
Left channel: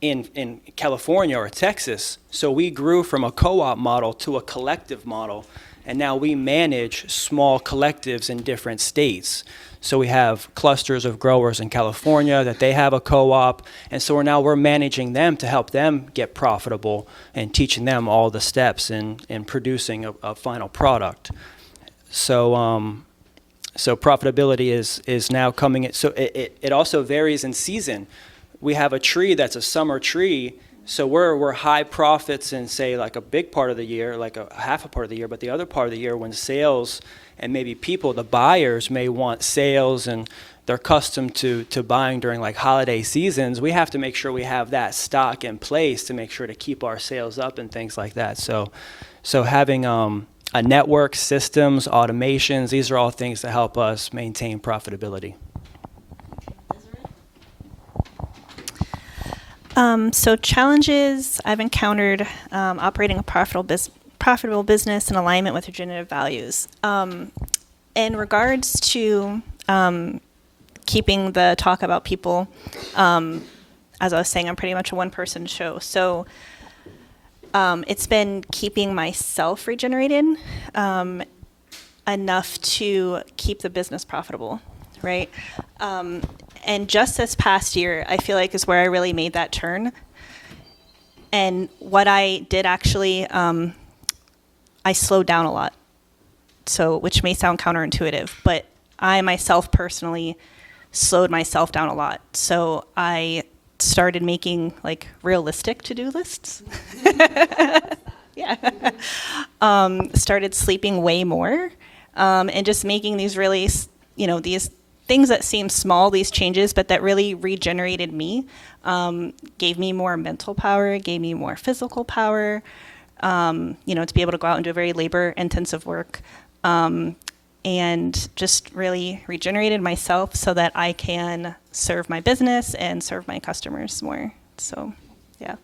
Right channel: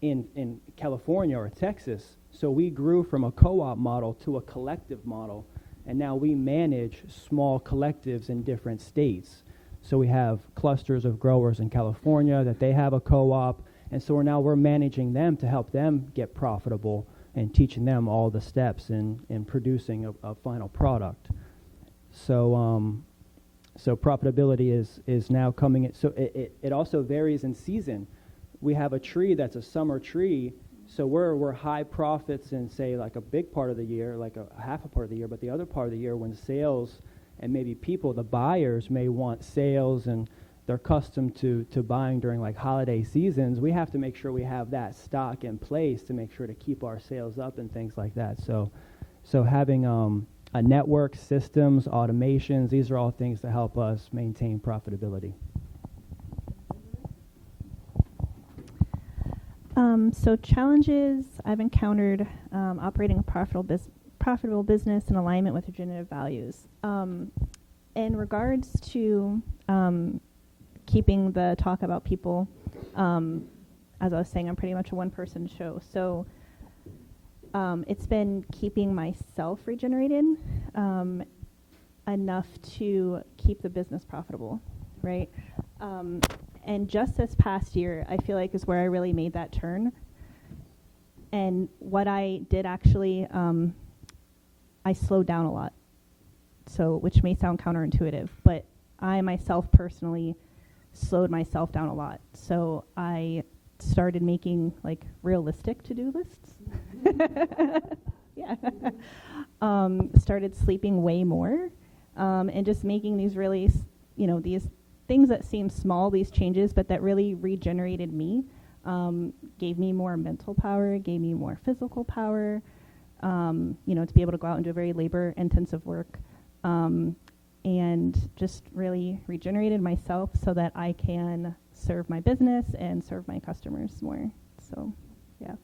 in California or Texas. So we grew from a co-op model to a collective model. And now we manage small collectives in different states. So we have clusters of growers in California that they have a co-op, and so we're managing them to help them get profitable and teaching them all the steps in producing a final product. So so profitability is now coming in. So it also varies in season. We have a tree that's a summer tree, So we're high profits in, say, like a big part of the year, like a half a part of the year, but the other part of the year when sales and maybe people, the buyers may want sales and they're accustomed to buying during like holiday seasons, we have to make sure we have that stock in place to make sure to keep our sales up and things like that. So having a network, systems, automations, these are all things that help us maintain profitability. So challenges I've encountered operating a profitable business in alignment with regenerative values. In regards to keeping the talk about people, as I was saying, I'm pretty much a one-person show. So it's been keeping myself regenerated enough to keep the business profitable, right? And just this past year, I feel like is where I really made that turn. And what I did actually, I slowed down a lot. So, which may sound counterintuitive, but I myself personally slowed myself down a lot. So I started making like realistic to-do lists. Yeah. Started sleeping way more, and just making these really, these things that seem small, these changes, but that really regenerated me, gave me more mental power, gave me more physical power, to be able to go out and do very labor-intensive work, and just really regenerated myself so that I can serve my business and serve my customers more. So, yeah.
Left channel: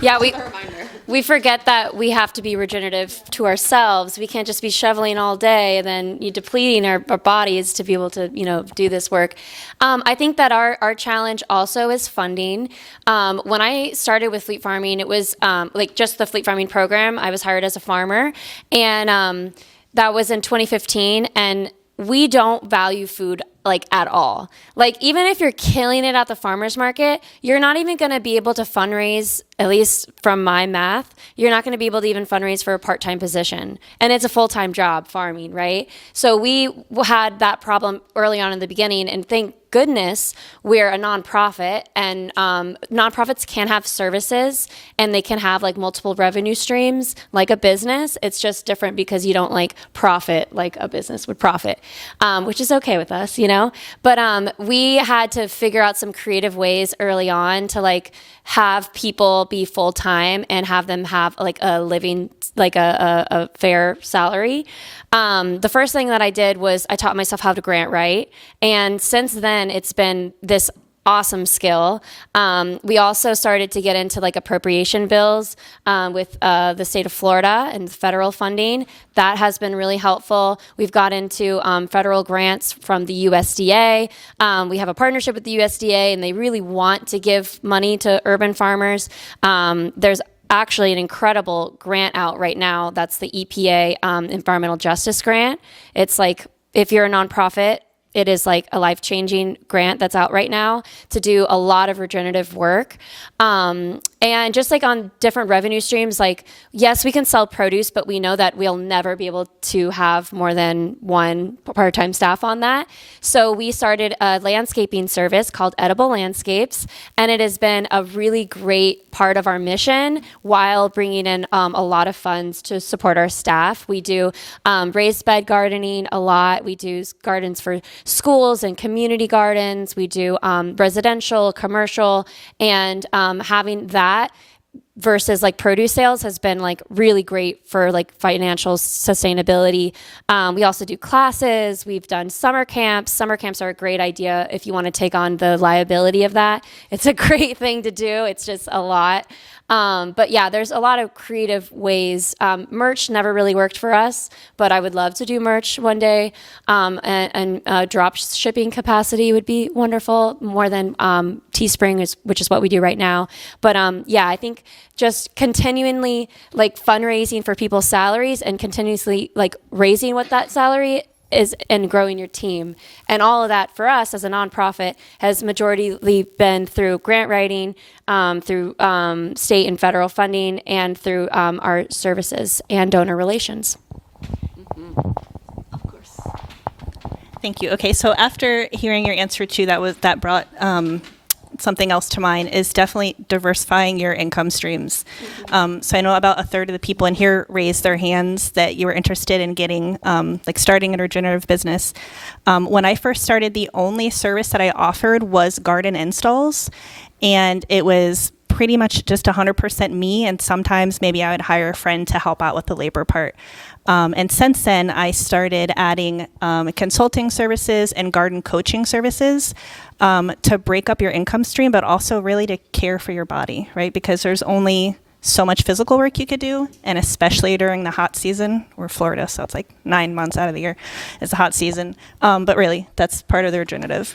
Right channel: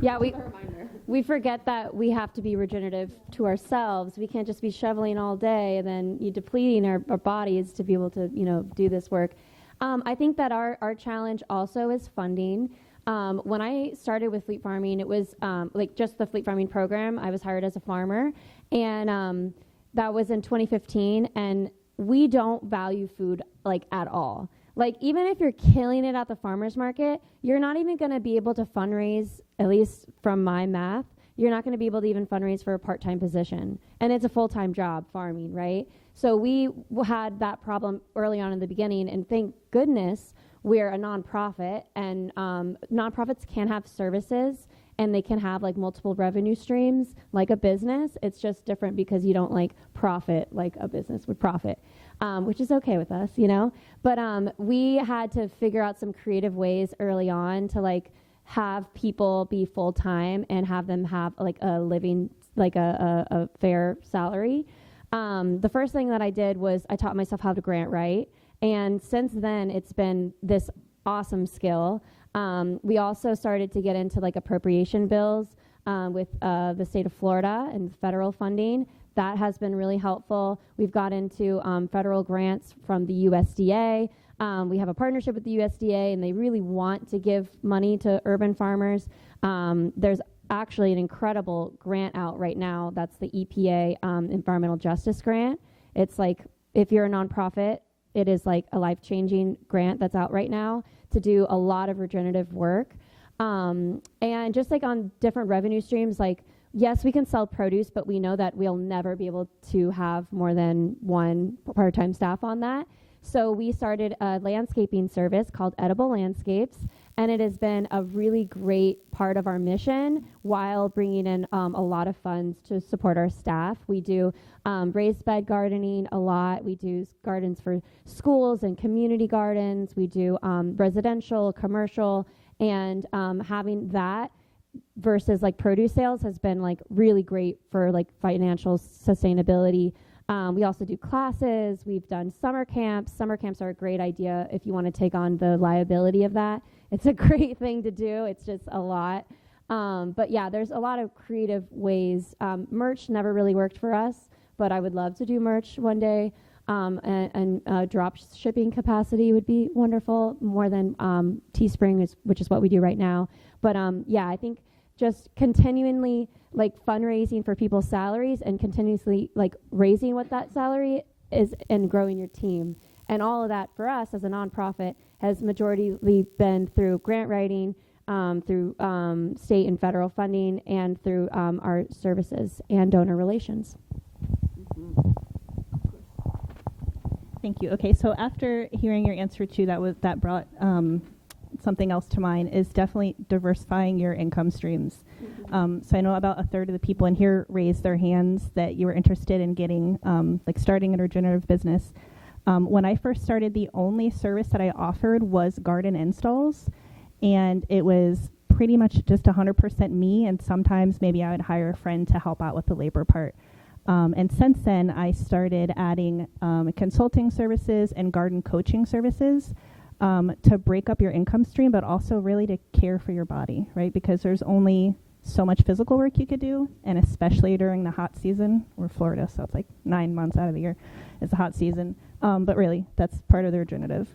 Yeah, we forget that we have to be regenerative to ourselves. We can't just be shoveling all day and then depleting our bodies to be able to, do this work. I think that our challenge also is funding. When I started with fleet farming, it was like just the fleet farming program. I was hired as a farmer, and that was in 2015, and we don't value food like at all. Like even if you're killing it at the farmer's market, you're not even going to be able to fundraise, at least from my math, you're not going to be able to even fundraise for a part-time position. And it's a full-time job, farming, right? So we had that problem early on in the beginning, and thank goodness we're a nonprofit, and nonprofits can have services and they can have like multiple revenue streams like a business. It's just different because you don't like profit like a business would profit, which is okay with us, But we had to figure out some creative ways early on to like have people be full-time and have them have like a living, like a fair salary. The first thing that I did was I taught myself how to grant write. And since then, it's been this awesome skill. We also started to get into like appropriation bills with the state of Florida and federal funding. That has been really helpful. We've got into federal grants from the USDA. We have a partnership with the USDA, and they really want to give money to urban farmers. There's actually an incredible grant out right now. That's the EPA Environmental Justice Grant. It's like, if you're a nonprofit, it is like a life-changing grant that's out right now to do a lot of regenerative work. And just like on different revenue streams, like, yes, we can sell produce, but we know that we'll never be able to have more than one part-time staff on that. So we started a landscaping service called Edible Landscapes, and it has been a really great part of our mission while bringing in a lot of funds to support our staff. We do raised bed gardening a lot. We do gardens for schools and community gardens. We do residential, commercial, and having that versus like produce sales has been like really great for like financial sustainability. We also do classes. We've done summer camps. Summer camps are a great idea if you want to take on the liability of that. It's a great thing to do. It's just a lot. But yeah, there's a lot of creative ways. Merch never really worked for us, but I would love to do merch one day. And drop shipping capacity would be wonderful, more than Teespring, which is what we do right now. But yeah, I think just continually like fundraising for people's salaries and continuously like raising what that salary is and growing your team. And all of that for us as a nonprofit has majority been through grant writing, through state and federal funding, and through our services and donor relations. Of course. Thank you. Okay, so after hearing your answer to that brought something else to mind is definitely diversifying your income streams. So I know about a third of the people in here raised their hands that you were interested in getting, like starting a regenerative business. When I first started, the only service that I offered was garden installs, and it was pretty much just 100% me, and sometimes maybe I would hire a friend to help out with the labor part. And since then, I started adding consulting services and garden coaching services to break up your income stream, but also really to care for your body, right? Because there's only so much physical work you could do, and especially during the hot season. We're Florida, so it's like 9 months out of the year. It's a hot season. But really, that's part of the regenerative.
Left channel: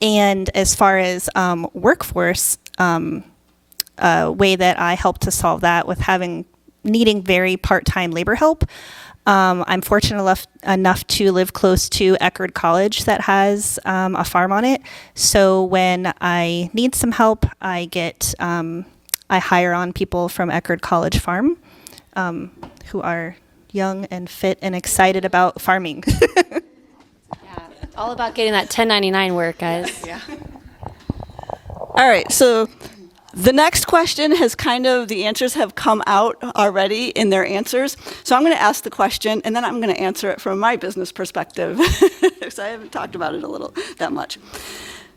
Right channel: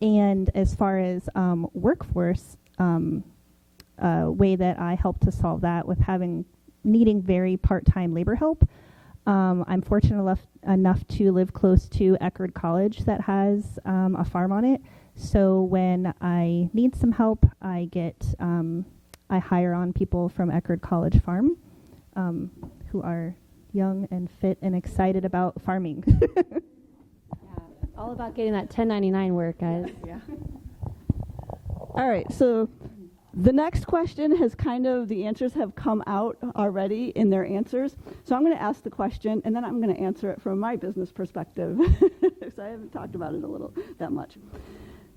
And as far as workforce, a way that I help to solve that with needing very part-time labor help. I'm fortunate enough to live close to Eckerd College that has a farm on it. So when I need some help, I hire on people from Eckerd College Farm who are young and fit and excited about farming. All about getting that 1099 work, guys. Yeah. All right, so the next question the answers have come out already in their answers. So I'm going to ask the question, and then I'm going to answer it from my business perspective, because I haven't talked about it that much.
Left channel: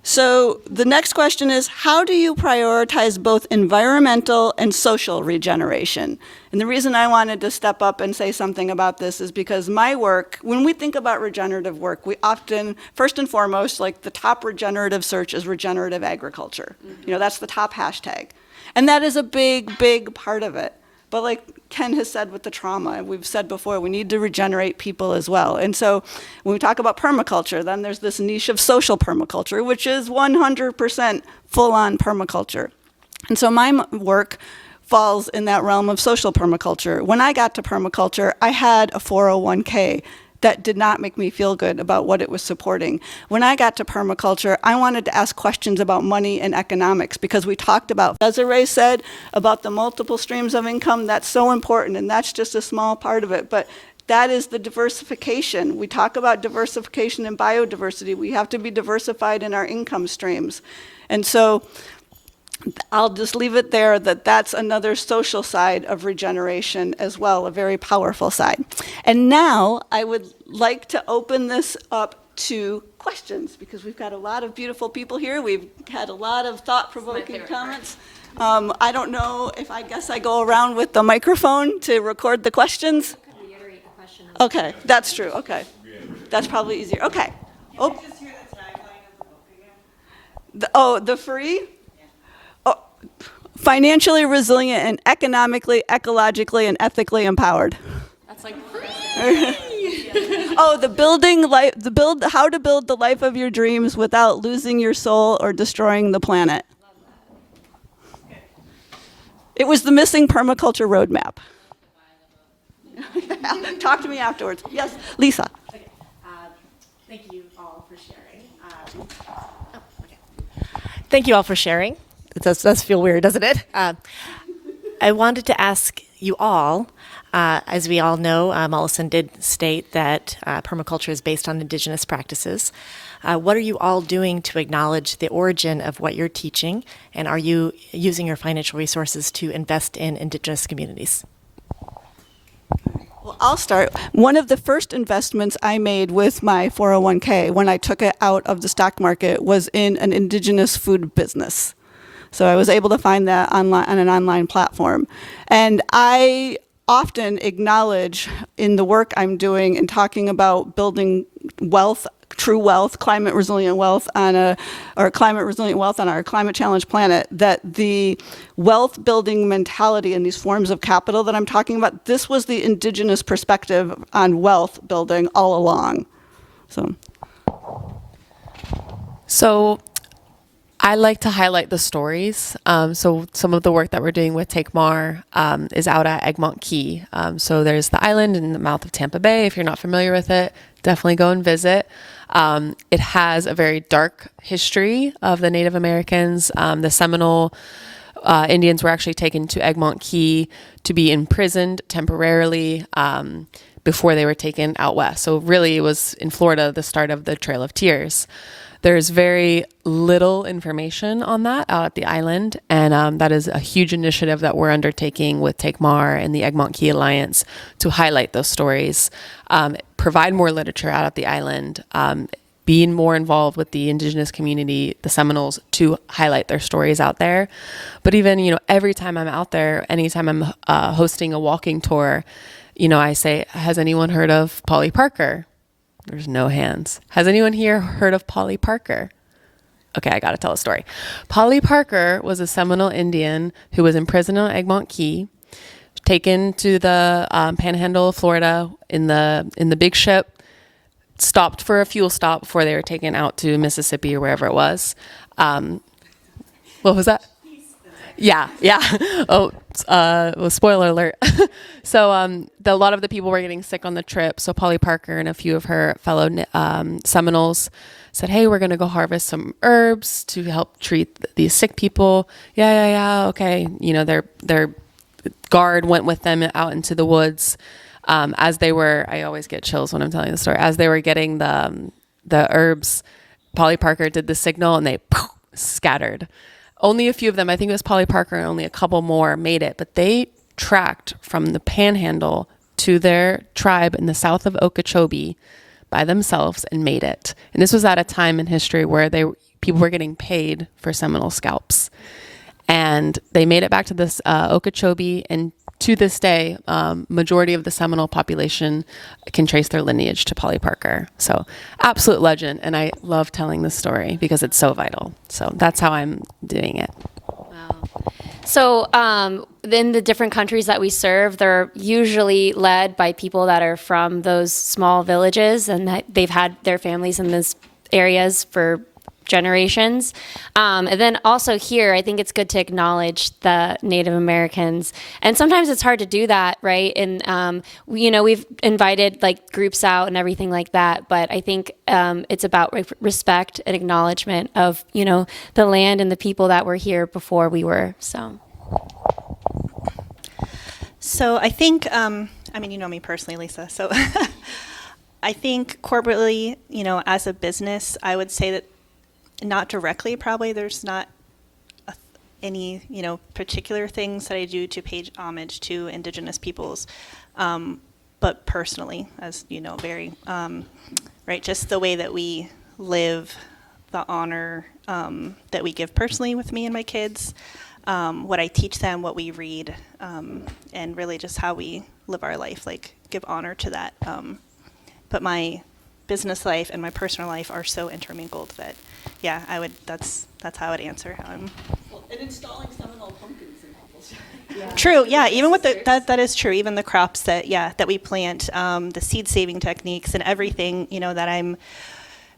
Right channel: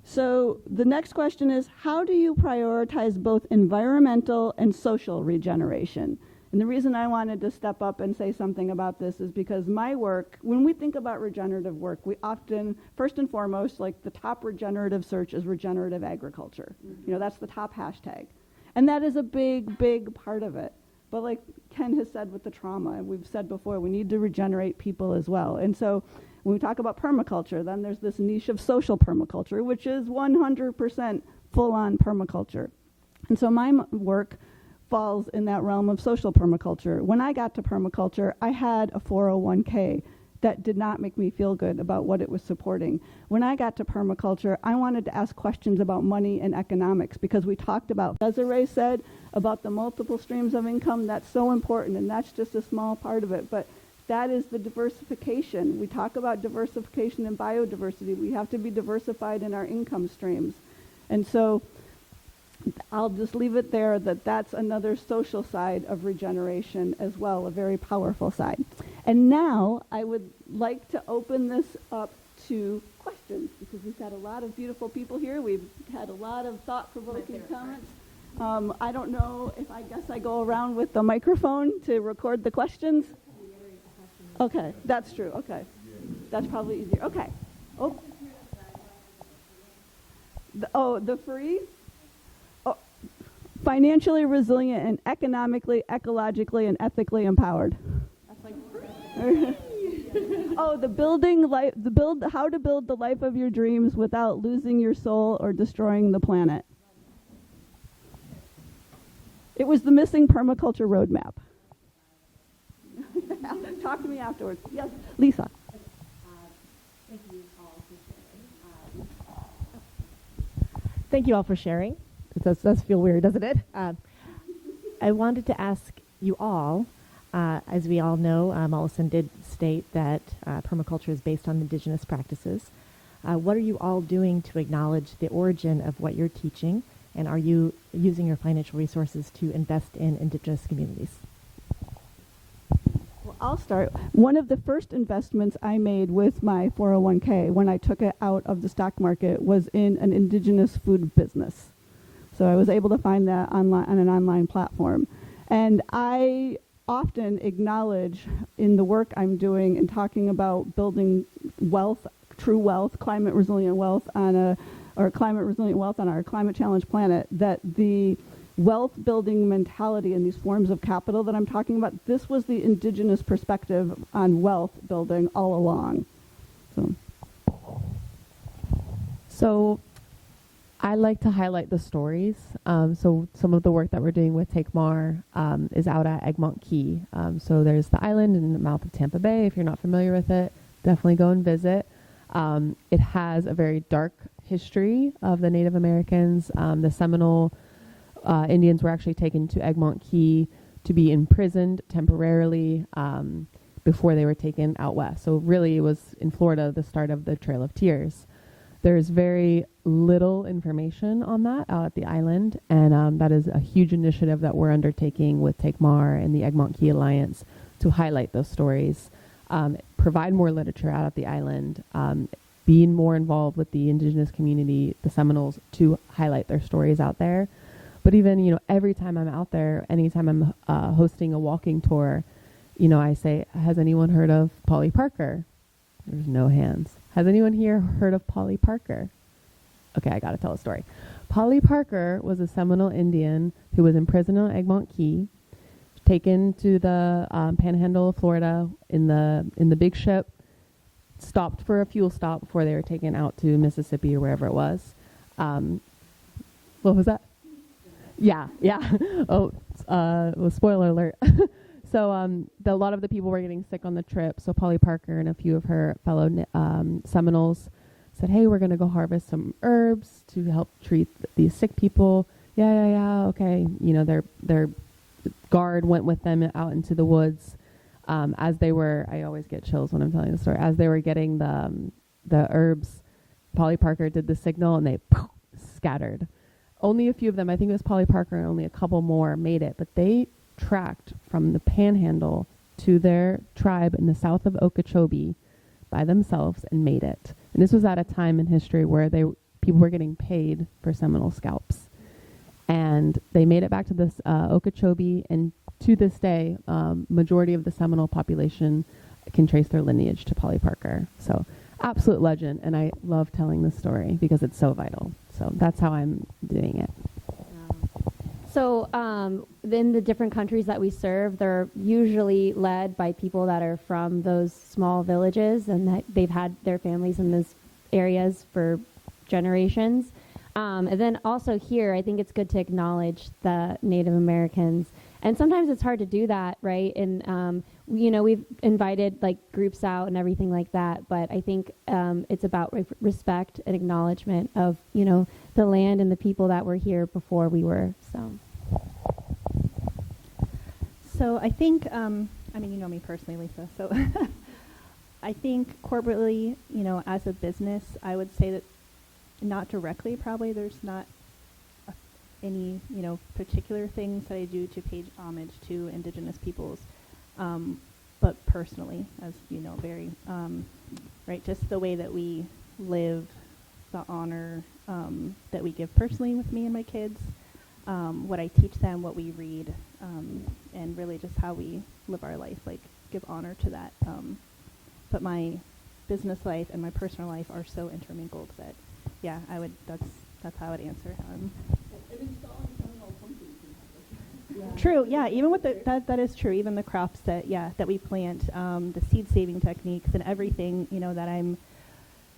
So the next question is, how do you prioritize both environmental and social regeneration? And the reason I wanted to step up and say something about this is because my work, when we think about regenerative work, we often, first and foremost, like the top regenerative search is regenerative agriculture. Mm-hmm. That's the top hashtag. And that is a big, big part of it. But like Ken has said with the trauma, and we've said before, we need to regenerate people as well. And so when we talk about permaculture, then there's this niche of social permaculture, which is 100% full-on permaculture. And so my work falls in that realm of social permaculture. When I got to permaculture, I had a 401k that did not make me feel good about what it was supporting. When I got to permaculture, I wanted to ask questions about money and economics, because we talked about, Desiree said, about the multiple streams of income. That's so important, and that's just a small part of it. But that is the diversification. We talk about diversification and biodiversity. We have to be diversified in our income streams. And so I'll just leave it there, that's another social side of regeneration as well, a very powerful side. And now I would like to open this up to questions, because we've got a lot of beautiful people here. We've had a lot of thought-provoking comments. I don't know if I go around with the microphone to record the questions. I could reiterate the question. Okay, that's true. Okay. That's probably easier. Okay. Oh. The free? Financially resilient and economically, ecologically, and ethically empowered. That's like how to build the life of your dreams without losing your soul or destroying the planet. It was the missing permaculture roadmap. Talk to me afterwards. Yes, Lisa. Okay. Thank you all for sharing. Thank you all for sharing. It does feel weird, doesn't it? I wanted to ask you all, as we all know, Mollison did state that permaculture is based on indigenous practices. What are you all doing to acknowledge the origin of what you're teaching, and are you using your financial resources to invest in indigenous communities? Well, I'll start. One of the first investments I made with my 401k when I took it out of the stock market was in an indigenous food business. So I was able to find that online on an online platform. And I often acknowledge in the work I'm doing and talking about building wealth, true wealth, climate resilient wealth on our climate challenge planet, that the wealth building mentality and these forms of capital that I'm talking about, this was the indigenous perspective on wealth building all along. So I like to highlight the stories. So some of the work that we're doing with TakeMAR is out at Egmont Key. So there's the island in the mouth of Tampa Bay. If you're not familiar with it, definitely go and visit. It has a very dark history of the Native Americans. The Seminole Indians were actually taken to Egmont Key to be imprisoned temporarily, before they were taken out west. So really it was in Florida, the start of the Trail of Tears. There's very little information on that out at the island. And that is a huge initiative that we're undertaking with TakeMAR and the Egmont Key Alliance to highlight those stories, provide more literature out at the island, being more involved with the indigenous community, the Seminoles, to highlight their stories out there. But even, every time I'm out there, anytime I'm hosting a walking tour, I say, has anyone heard of Polly Parker? There's no hands. Has anyone here heard of Polly Parker? Okay, I got to tell a story. Polly Parker was a Seminole Indian who was imprisoned on Egmont Key, taken to the panhandle of Florida in the big ship, stopped for a fuel stop before they were taken out to Mississippi or wherever it was. What was that? Yeah. Oh, well, spoiler alert. So a lot of the people were getting sick on the trip. So Polly Parker and a few of her fellow Seminoles said, hey, we're going to go harvest some herbs to help treat these sick people. Yeah. Okay. Their guard went with them out into the woods. As they were, I always get chills when I'm telling the story. As they were getting the herbs, Polly Parker did the signal and they scattered. Only a few of them, I think it was Polly Parker and only a couple more made it, but they tracked from the panhandle to their tribe in the south of Okeechobee by themselves and made it. And this was at a time in history where people were getting paid for Seminole scalps. And they made it back to this Okeechobee, and to this day, majority of the Seminole population can trace their lineage to Polly Parker. So absolute legend. And I love telling this story because it's so vital. So that's how I'm doing it. Wow. So in the different countries that we serve, they're usually led by people that are from those small villages and that they've had their families in those areas for generations. And then also here, I think it's good to acknowledge the Native Americans. And sometimes it's hard to do that, right? And, we've invited like groups out and everything like that. But I think it's about respect and acknowledgement of, the land and the people that were here before we were. So I think, you know me personally, Lisa. So I think corporately, as a business, I would say that not directly, probably there's not any, particular things that I do to pay homage to Indigenous peoples. But personally, as very, right, just the way that we live, the honor that we give personally with me and my kids, what I teach them, what we read, and really just how we live our life, like give honor to that. But my business life and my personal life are so intermingled that, yeah, that's how I would answer how I'm. Well, and installing Seminole pumpkins in people's yard. True, yeah, even with that is true. Even the crops that we plant, the seed saving techniques and everything, that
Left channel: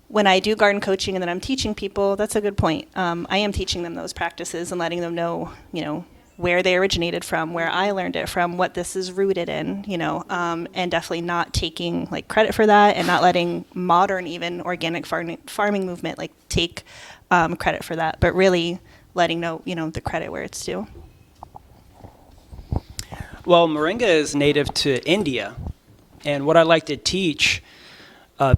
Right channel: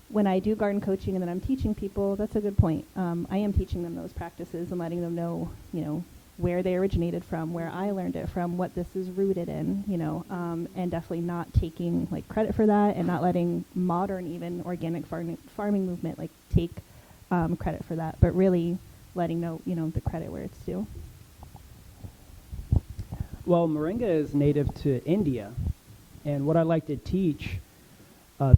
when I do garden coaching and then I'm teaching people, that's a good point. I am teaching them those practices and letting them know, where they originated from, where I learned it from, what this is rooted in, and definitely not taking like credit for that and not letting modern even organic farming movement like take credit for that, but really letting know, the credit where it's due. Well, Moringa is native to India, and what I like to teach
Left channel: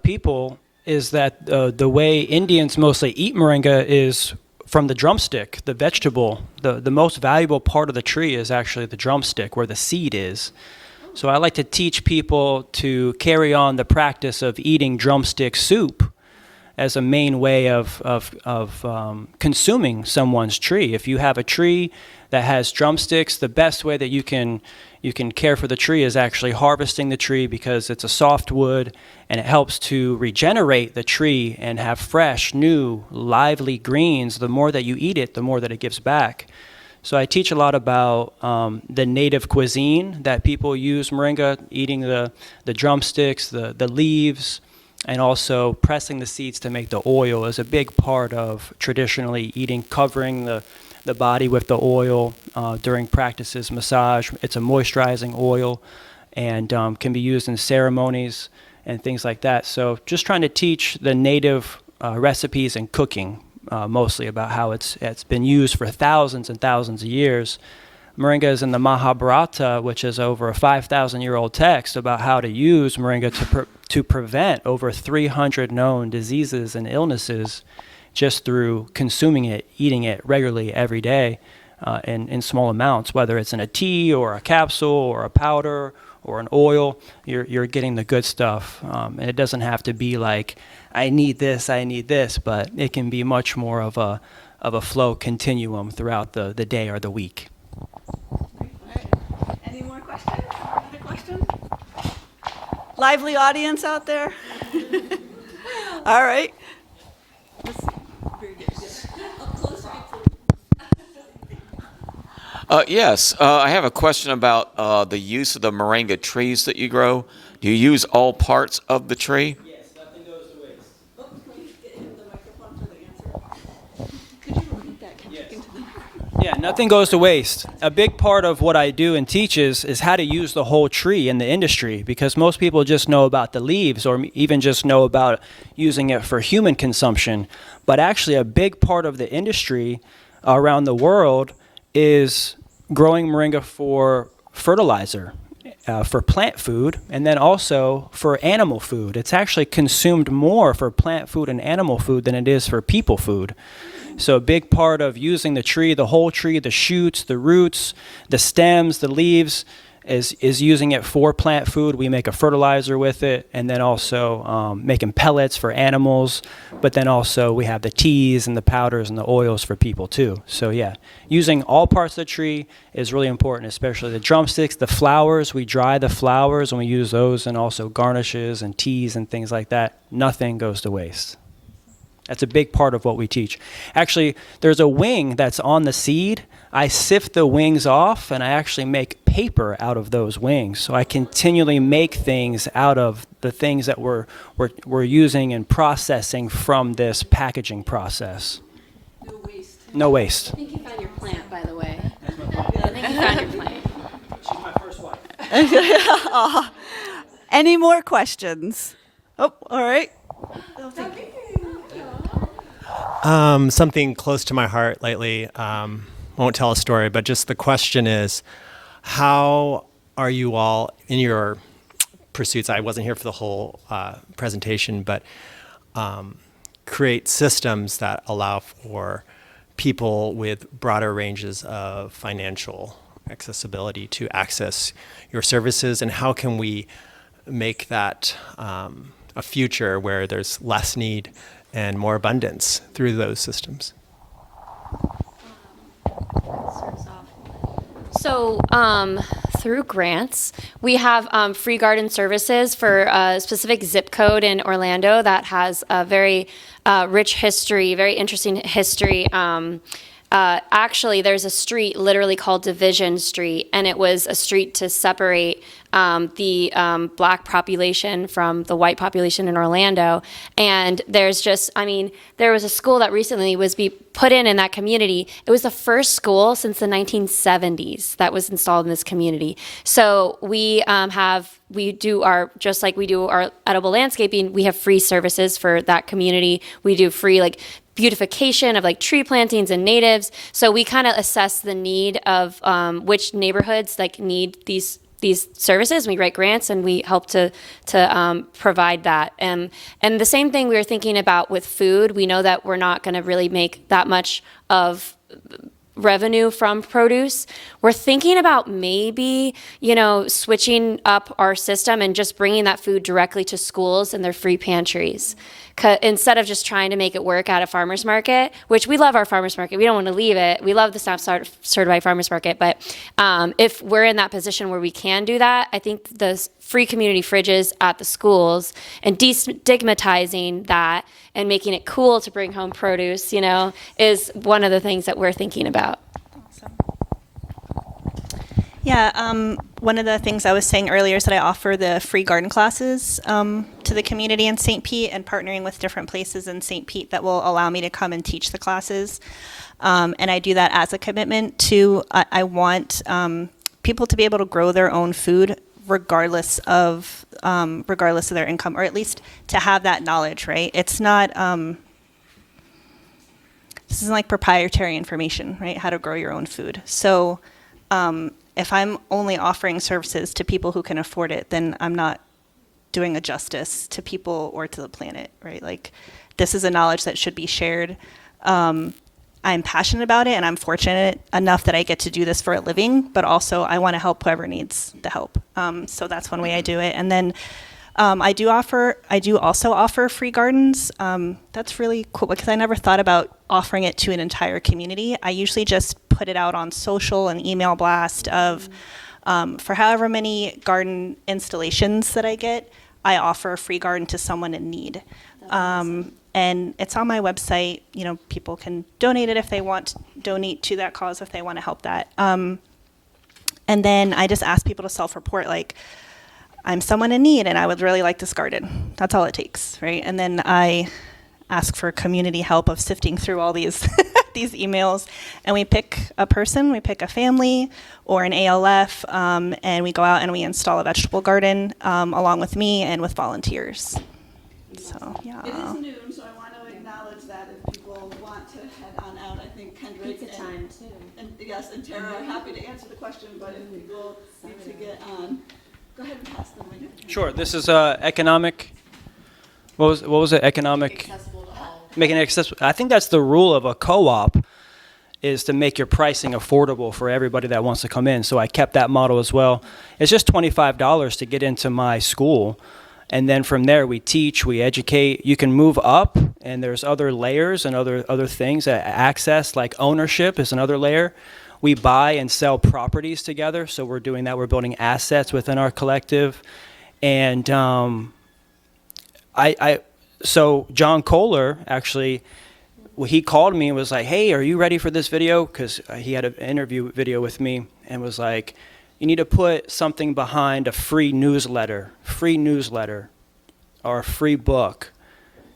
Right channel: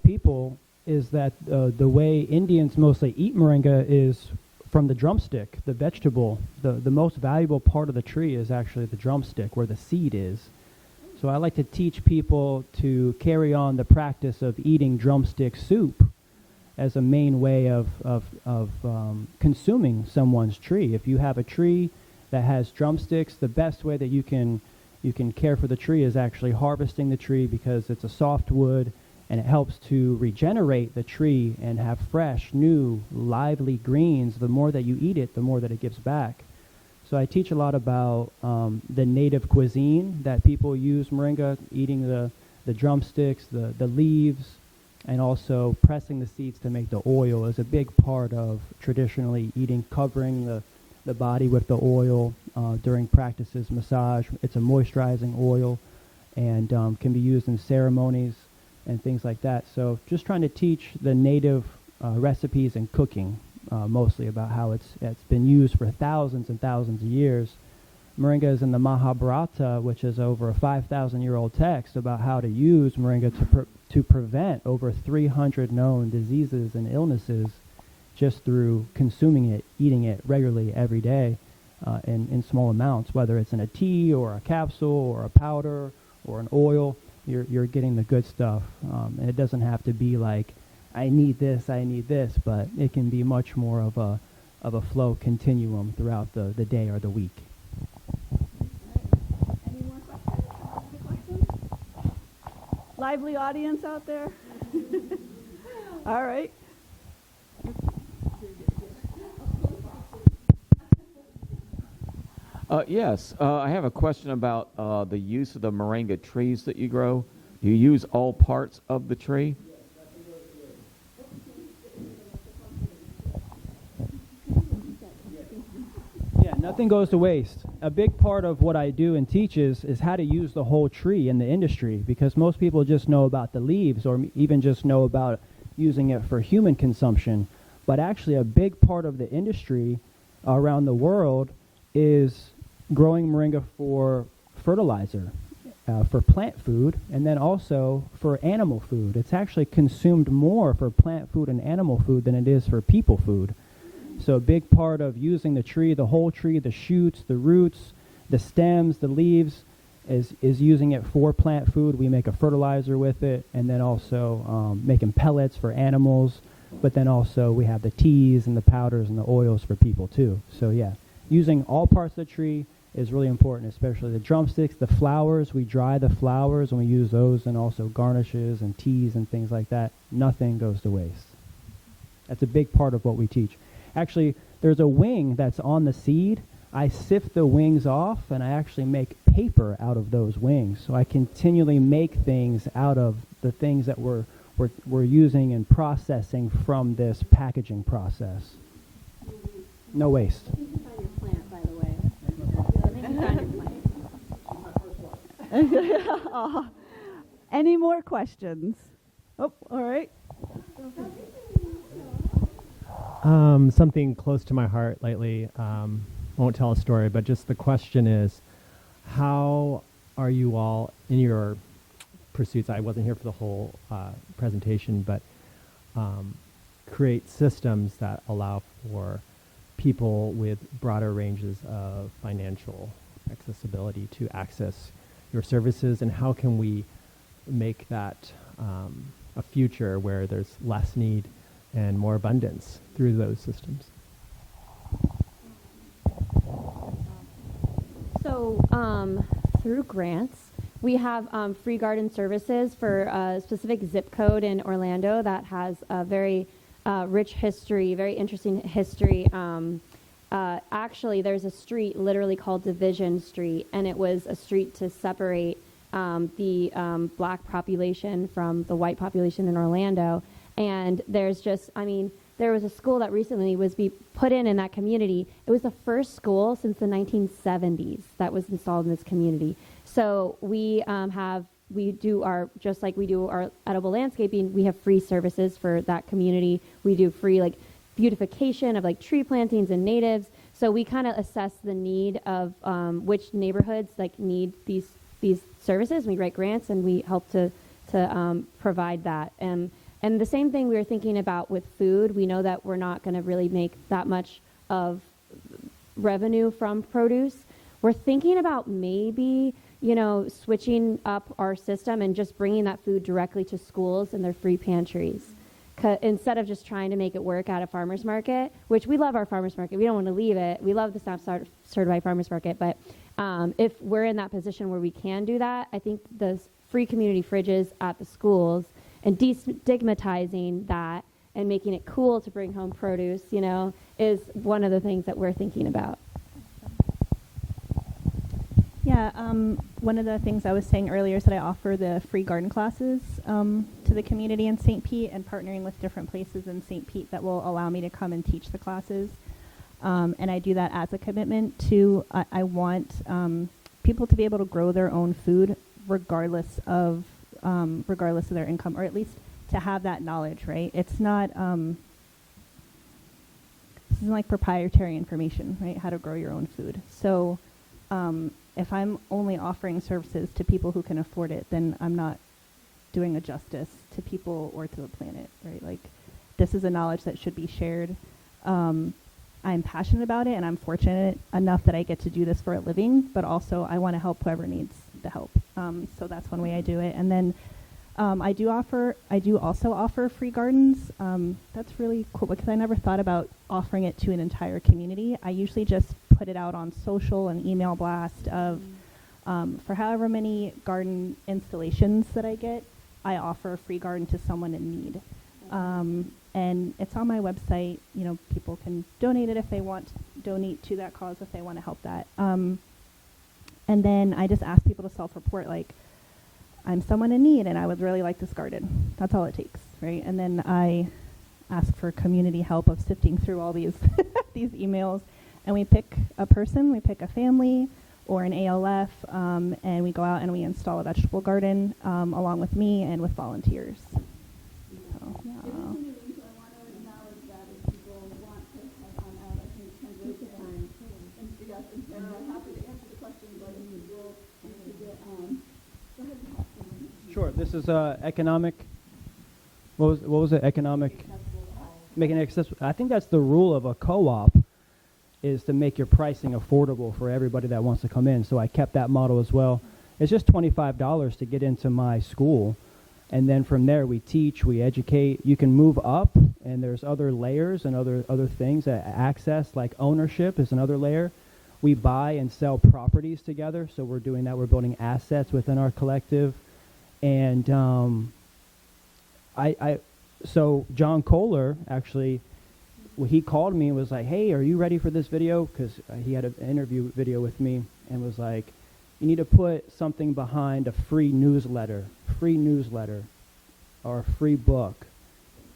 people is that the way Indians mostly eat Moringa is from the drumstick, the vegetable. The most valuable part of the tree is actually the drumstick, where the seed is. So I like to teach people to carry on the practice of eating drumstick soup as a main way of consuming someone's tree. If you have a tree that has drumsticks, the best way that you can care for the tree is actually harvesting the tree, because it's a soft wood and it helps to regenerate the tree and have fresh, new, lively greens. The more that you eat it, the more that it gives back. So I teach a lot about the native cuisine that people use Moringa, eating the drumsticks, the leaves, and also pressing the seeds to make the oil is a big part of traditionally eating, covering the body with the oil during practices, massage. It's a moisturizing oil and can be used in ceremonies and things like that. So just trying to teach the native recipes and cooking, mostly about how it's been used for thousands and thousands of years. Moringa is in the Mahabharata, which is over a 5,000-year-old text about how to use Moringa to prevent over 300 known diseases and illnesses just through consuming it, eating it regularly every day in small amounts, whether it's in a tea or a capsule or a powder or an oil. You're getting the good stuff. And it doesn't have to be like, I need this, but it can be much more of a flow continuum throughout the day or the week. Any more questions? Another question? Lively audience out there? All right. Yes, I have a question about the use of the moringa trees that you grow. Do you use all parts of the tree? Yes, nothing goes to waste. Oh, can we get into the microphone for the answer? Could you repeat that? Yeah, nothing goes to waste. A big part of what I do and teach is how to use the whole tree in the industry, because most people just know about the leaves or even just know about using it for human consumption. But actually a big part of the industry around the world is growing moringa for fertilizer, for plant food, and then also for animal food. It's actually consumed more for plant food and animal food than it is for people food. So a big part of using the tree, the whole tree, the shoots, the roots, the stems, the leaves, is using it for plant food. We make a fertilizer with it, and then also making pellets for animals. But then also we have the teas and the powders and the oils for people too. So yeah, using all parts of the tree is really important, especially the drumsticks, the flowers. We dry the flowers and we use those, and also garnishes and teas and things like that. Nothing goes to waste. That's a big part of what we teach. Actually, there's a wing that's on the seed. I sift the wings off, and I actually make paper out of those wings. So I continually make things out of the things that we're using and processing from this packaging process. No waste. No waste. I think you found your plant, by the way. I think you found your plant. She's my first wife. Any more questions? Oh, all right. Something close to my heart lately. Won't tell a story, but just the question is, how are you all in your pursuits? I wasn't here for the whole presentation, but create systems that allow for people with broader ranges of financial accessibility to access your services, and how can we make that a future where there's less need and more abundance through those systems? So through grants, we have free garden services for a specific zip code in Orlando that has a very rich history, very interesting history. Actually, there's a street literally called Division Street, and it was a street to separate the black population from the white population in Orlando. And there's just, I mean, there was a school that recently was put in that community. It was the first school since the 1970s that was installed in this community. So we do our, just like we do our edible landscaping, we have free services for that community. We do free beautification of tree plantings and natives. So we kind of assess the need of which neighborhoods need these services. We write grants and we help to provide that. And the same thing we were thinking about with food. We know that we're not going to really make that much of revenue from produce. We're thinking about maybe, switching up our system and just bringing that food directly to schools and their free pantries. Instead of just trying to make it work at a farmer's market, which we love our farmer's market. We don't want to leave it. We love the SNAP certified farmer's market. But if we're in that position where we can do that, I think the free community fridges at the schools and destigmatizing that and making it cool to bring home produce, is one of the things that we're thinking about. Yeah, one of the things I was saying earlier is that I offer the free garden classes to the community in St. Pete, and partnering with different places in St. Pete that will allow me to come and teach the classes. And I do that as a commitment to, I want people to be able to grow their own food regardless of their income, or at least to have that knowledge, right? It's not, this isn't like proprietary information, right? How to grow your own food. So if I'm only offering services to people who can afford it, then I'm not doing a justice to people or to the planet, right? Like, this is a knowledge that should be shared. I'm passionate about it, and I'm fortunate enough that I get to do this for a living, but also I want to help whoever needs the help. So that's one way I do it. And then I do also offer free gardens. That's really cool because I never thought about offering it to an entire community. I usually just put it out on social and email blast of, for however many garden installations that I get, I offer a free garden to someone in need. And it's on my website. You know, people can donate it if they want, donate to that cause if they want to help that. And then I just ask people to self-report, like, I'm someone in need and I would really like this garden. That's all it takes, right? And then I ask for community help of sifting through all these these emails, and we pick a person, we pick a family or an ALF, and we go out and we install a vegetable garden along with me and with volunteers. So, yeah. It is noon, so I want to acknowledge that if people want to head on out. I think Kendrick and yes, and Tara are happy to answer the question, but if people need to get on, go ahead and pass the mic. Sure. This is economic. What was it? Economic. Making it accessible. I think that's the rule of a co-op, is to make your pricing affordable for everybody that wants to come in. So I kept that model as well. It's just $25 to get into my school. And then from there, we teach, we educate. You can move up, and there's other layers and other things. Access, like ownership, is another layer. We buy and sell properties together, so we're doing that. We're building assets within our collective. And so John Kohler, actually, he called me and was like, hey, are you ready for this video? Because he had an interview video with me and was like, you need to put something behind a free newsletter or a free book,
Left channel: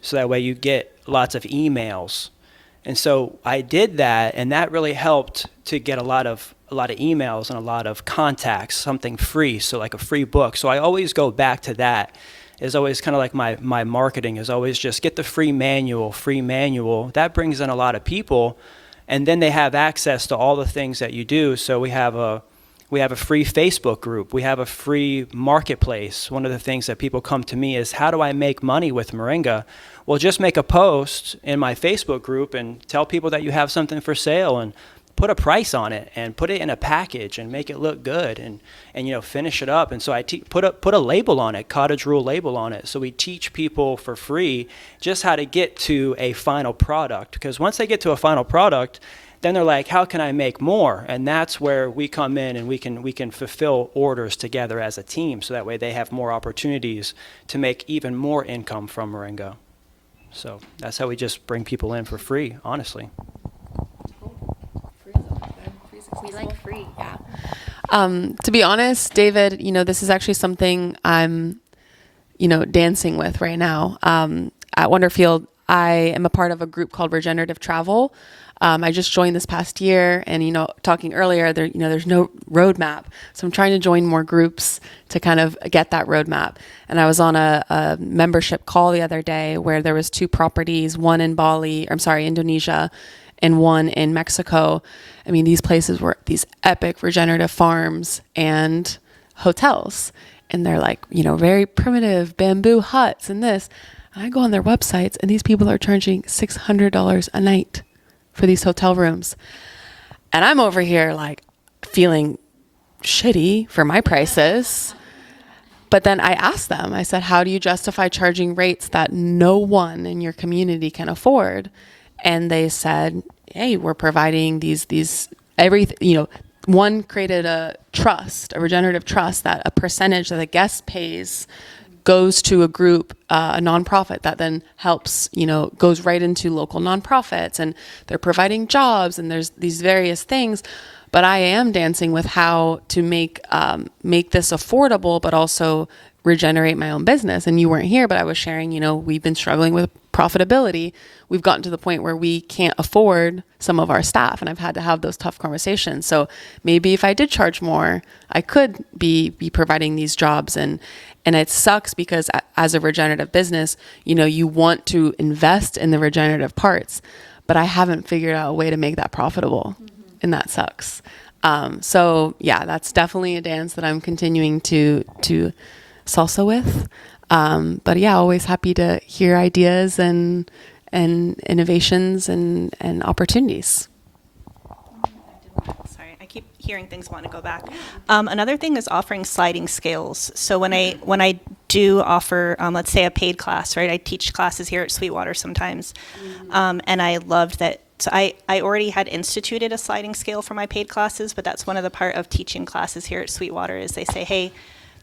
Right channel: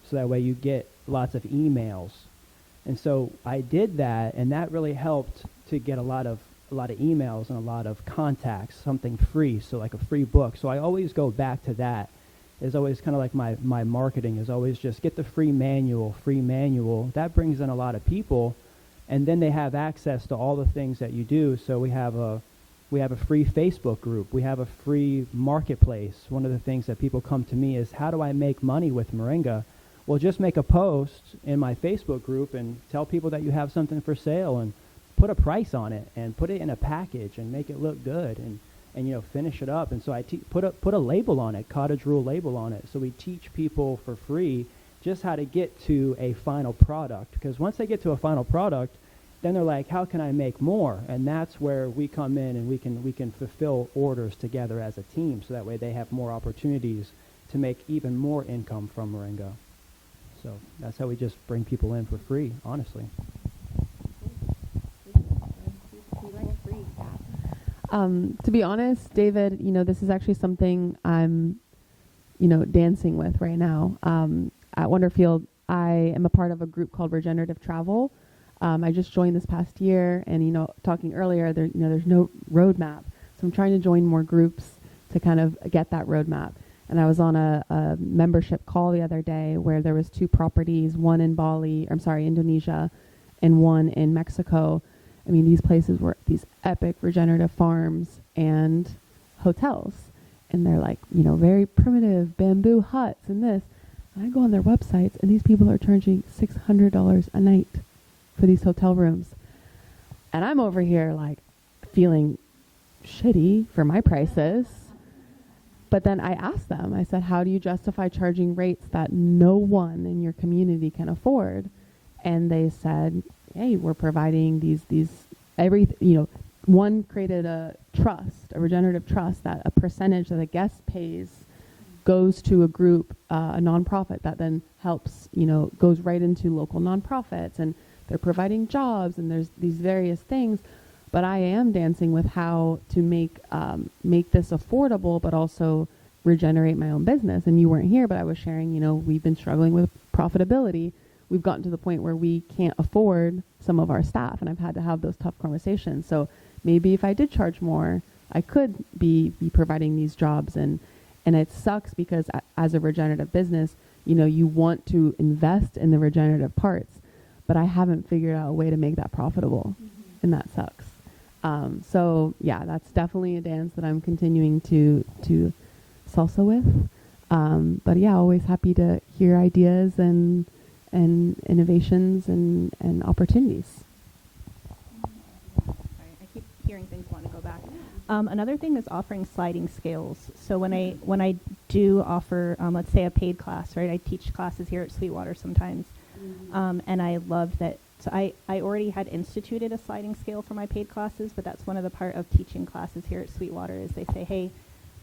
so that way you get lots of emails. And so I did that, and that really helped to get a lot of emails and a lot of contacts, something free, so like a free book. So I always go back to that. Is always kind of like my marketing is always just get the free manual. That brings in a lot of people, and then they have access to all the things that you do. So we have a free Facebook group. We have a free marketplace. One of the things that people come to me is, how do I make money with Moringa? Well, just make a post in my Facebook group and tell people that you have something for sale, and put a price on it, and put it in a package and make it look good, and finish it up. And so I put a label on it, cottage rule label on it. So we teach people for free just how to get to a final product, because once they get to a final product, then they're like, how can I make more? And that's where we come in, and we can fulfill orders together as a team, so that way they have more opportunities to make even more income from Moringa. So that's how we just bring people in for free, honestly. We like free, yeah. To be honest, David, this is actually something I'm, dancing with right now. At Wonderfield, I am a part of a group called Regenerative Travel. I just joined this past year, and, talking earlier, there's no roadmap. So I'm trying to join more groups to kind of get that roadmap. And I was on a membership call the other day where there was 2 properties, one in Indonesia, and one in Mexico. I mean, these places were these epic regenerative farms and hotels. And they're like, very primitive bamboo huts and this. And I go on their websites, and these people are charging $600 a night for these hotel rooms. And I'm over here like feeling shitty for my prices. But then I asked them, I said, how do you justify charging rates that no one in your community can afford? And they said, hey, we're providing one created a trust, a regenerative trust, that a percentage that the guest pays goes to a group, a nonprofit that then helps, goes right into local nonprofits, and they're providing jobs, and there's these various things. But I am dancing with how to make this affordable, but also regenerate my own business. And you weren't here, but I was sharing, we've been struggling with profitability. We've gotten to the point where we can't afford some of our staff, and I've had to have those tough conversations. So maybe if I did charge more, I could be providing these jobs. And it sucks because as a regenerative business, you want to invest in the regenerative parts, but I haven't figured out a way to make that profitable. And that sucks. So yeah, that's definitely a dance that I'm continuing to salsa with. But yeah, always happy to hear ideas and innovations and opportunities. Sorry, I keep hearing things want to go back. Another thing is offering sliding scales. So when I do offer, let's say a paid class, right? I teach classes here at Sweetwater sometimes, and I loved that. So I already had instituted a sliding scale for my paid classes, but that's one of the part of teaching classes here at Sweetwater is they say, hey,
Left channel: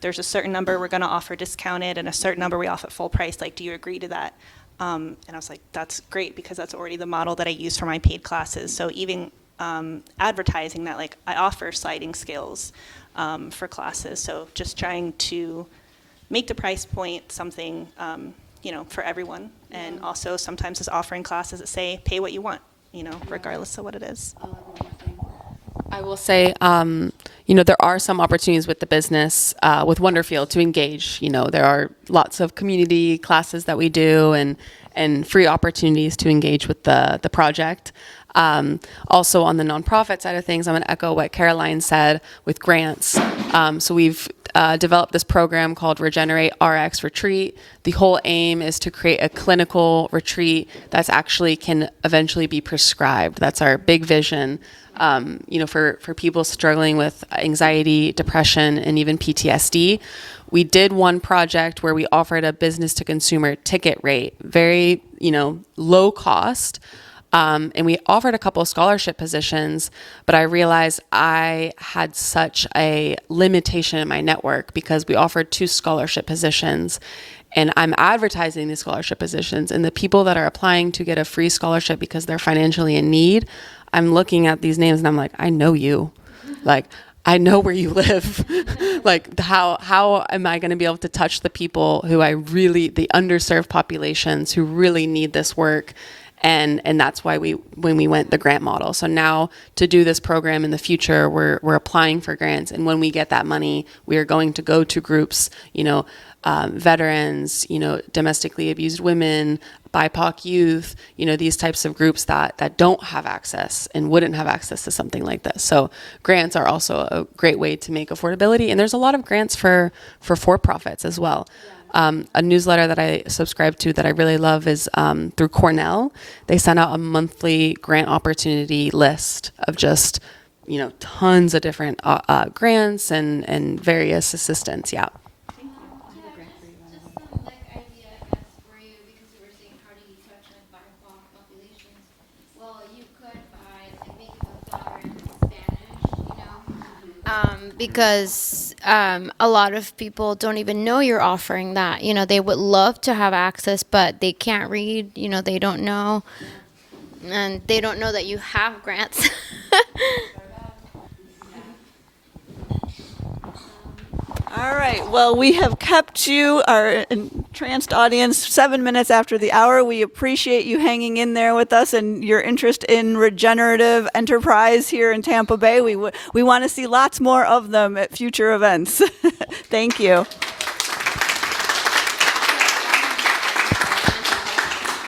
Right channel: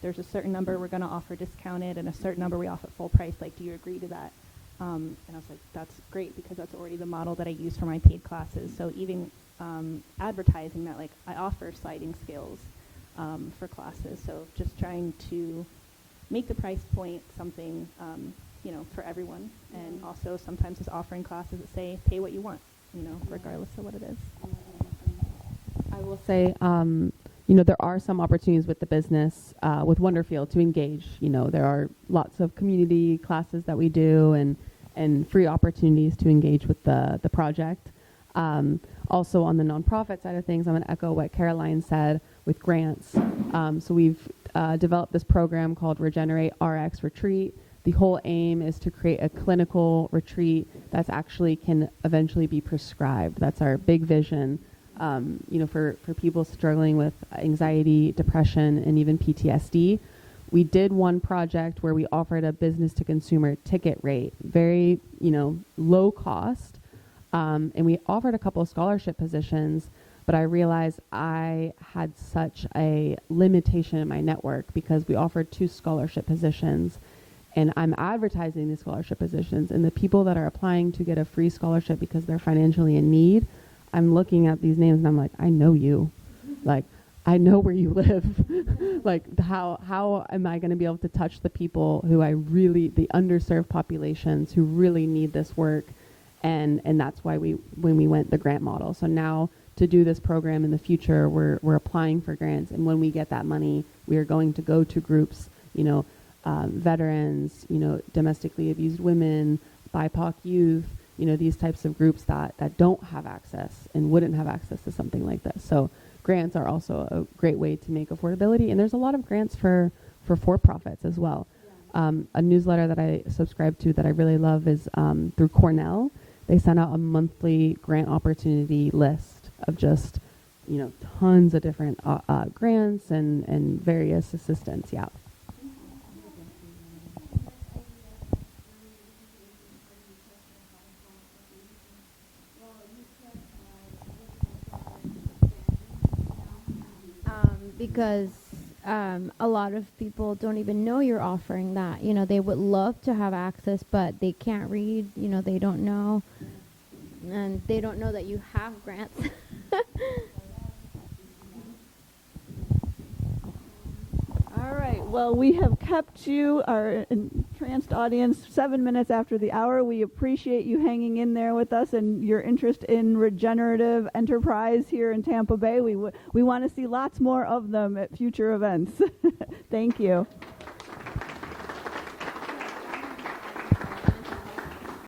there's a certain number we're going to offer discounted and a certain number we offer at full price. Like, do you agree to that? And I was like, that's great because that's already the model that I use for my paid classes. So even advertising that, like, I offer sliding scales for classes. So just trying to make the price point something, for everyone. And also sometimes just offering classes that say, pay what you want, regardless of what it is. I will say, there are some opportunities with the business, with Wonderfield to engage. There are lots of community classes that we do and free opportunities to engage with the project. Also on the nonprofit side of things, I'm going to echo what Caroline said with grants. So we've developed this program called Regenerate RX Retreat. The whole aim is to create a clinical retreat that's actually can eventually be prescribed. That's our big vision. For people struggling with anxiety, depression, and even PTSD. We did one project where we offered a business to consumer ticket rate, very, low cost. And we offered a couple of scholarship positions, but I realized I had such a limitation in my network because we offered 2 scholarship positions. And I'm advertising these scholarship positions, and the people that are applying to get a free scholarship because they're financially in need, I'm looking at these names and I'm like, I know you. Like, I know where you live. Like, how am I going to be able to touch the people who the underserved populations who really need this work? And that's why when we went the grant model. So now to do this program in the future, we're applying for grants. And when we get that money, we are going to go to groups, veterans, domestically abused women, BIPOC youth, these types of groups that don't have access and wouldn't have access to something like this. So grants are also a great way to make affordability. And there's a lot of grants for-profits as well. A newsletter that I subscribe to that I really love is through Cornell. They send out a monthly grant opportunity list of just, tons of different grants and various assistance. Yeah. Because a lot of people don't even know you're offering that. They would love to have access, but they can't read. They don't know. And they don't know that you have grants. All right. Well, we have kept you, our entranced audience, 7 minutes after the hour. We appreciate you hanging in there with us and your interest in regenerative enterprise here in Tampa Bay. We want to see lots more of them at future events. Thank you.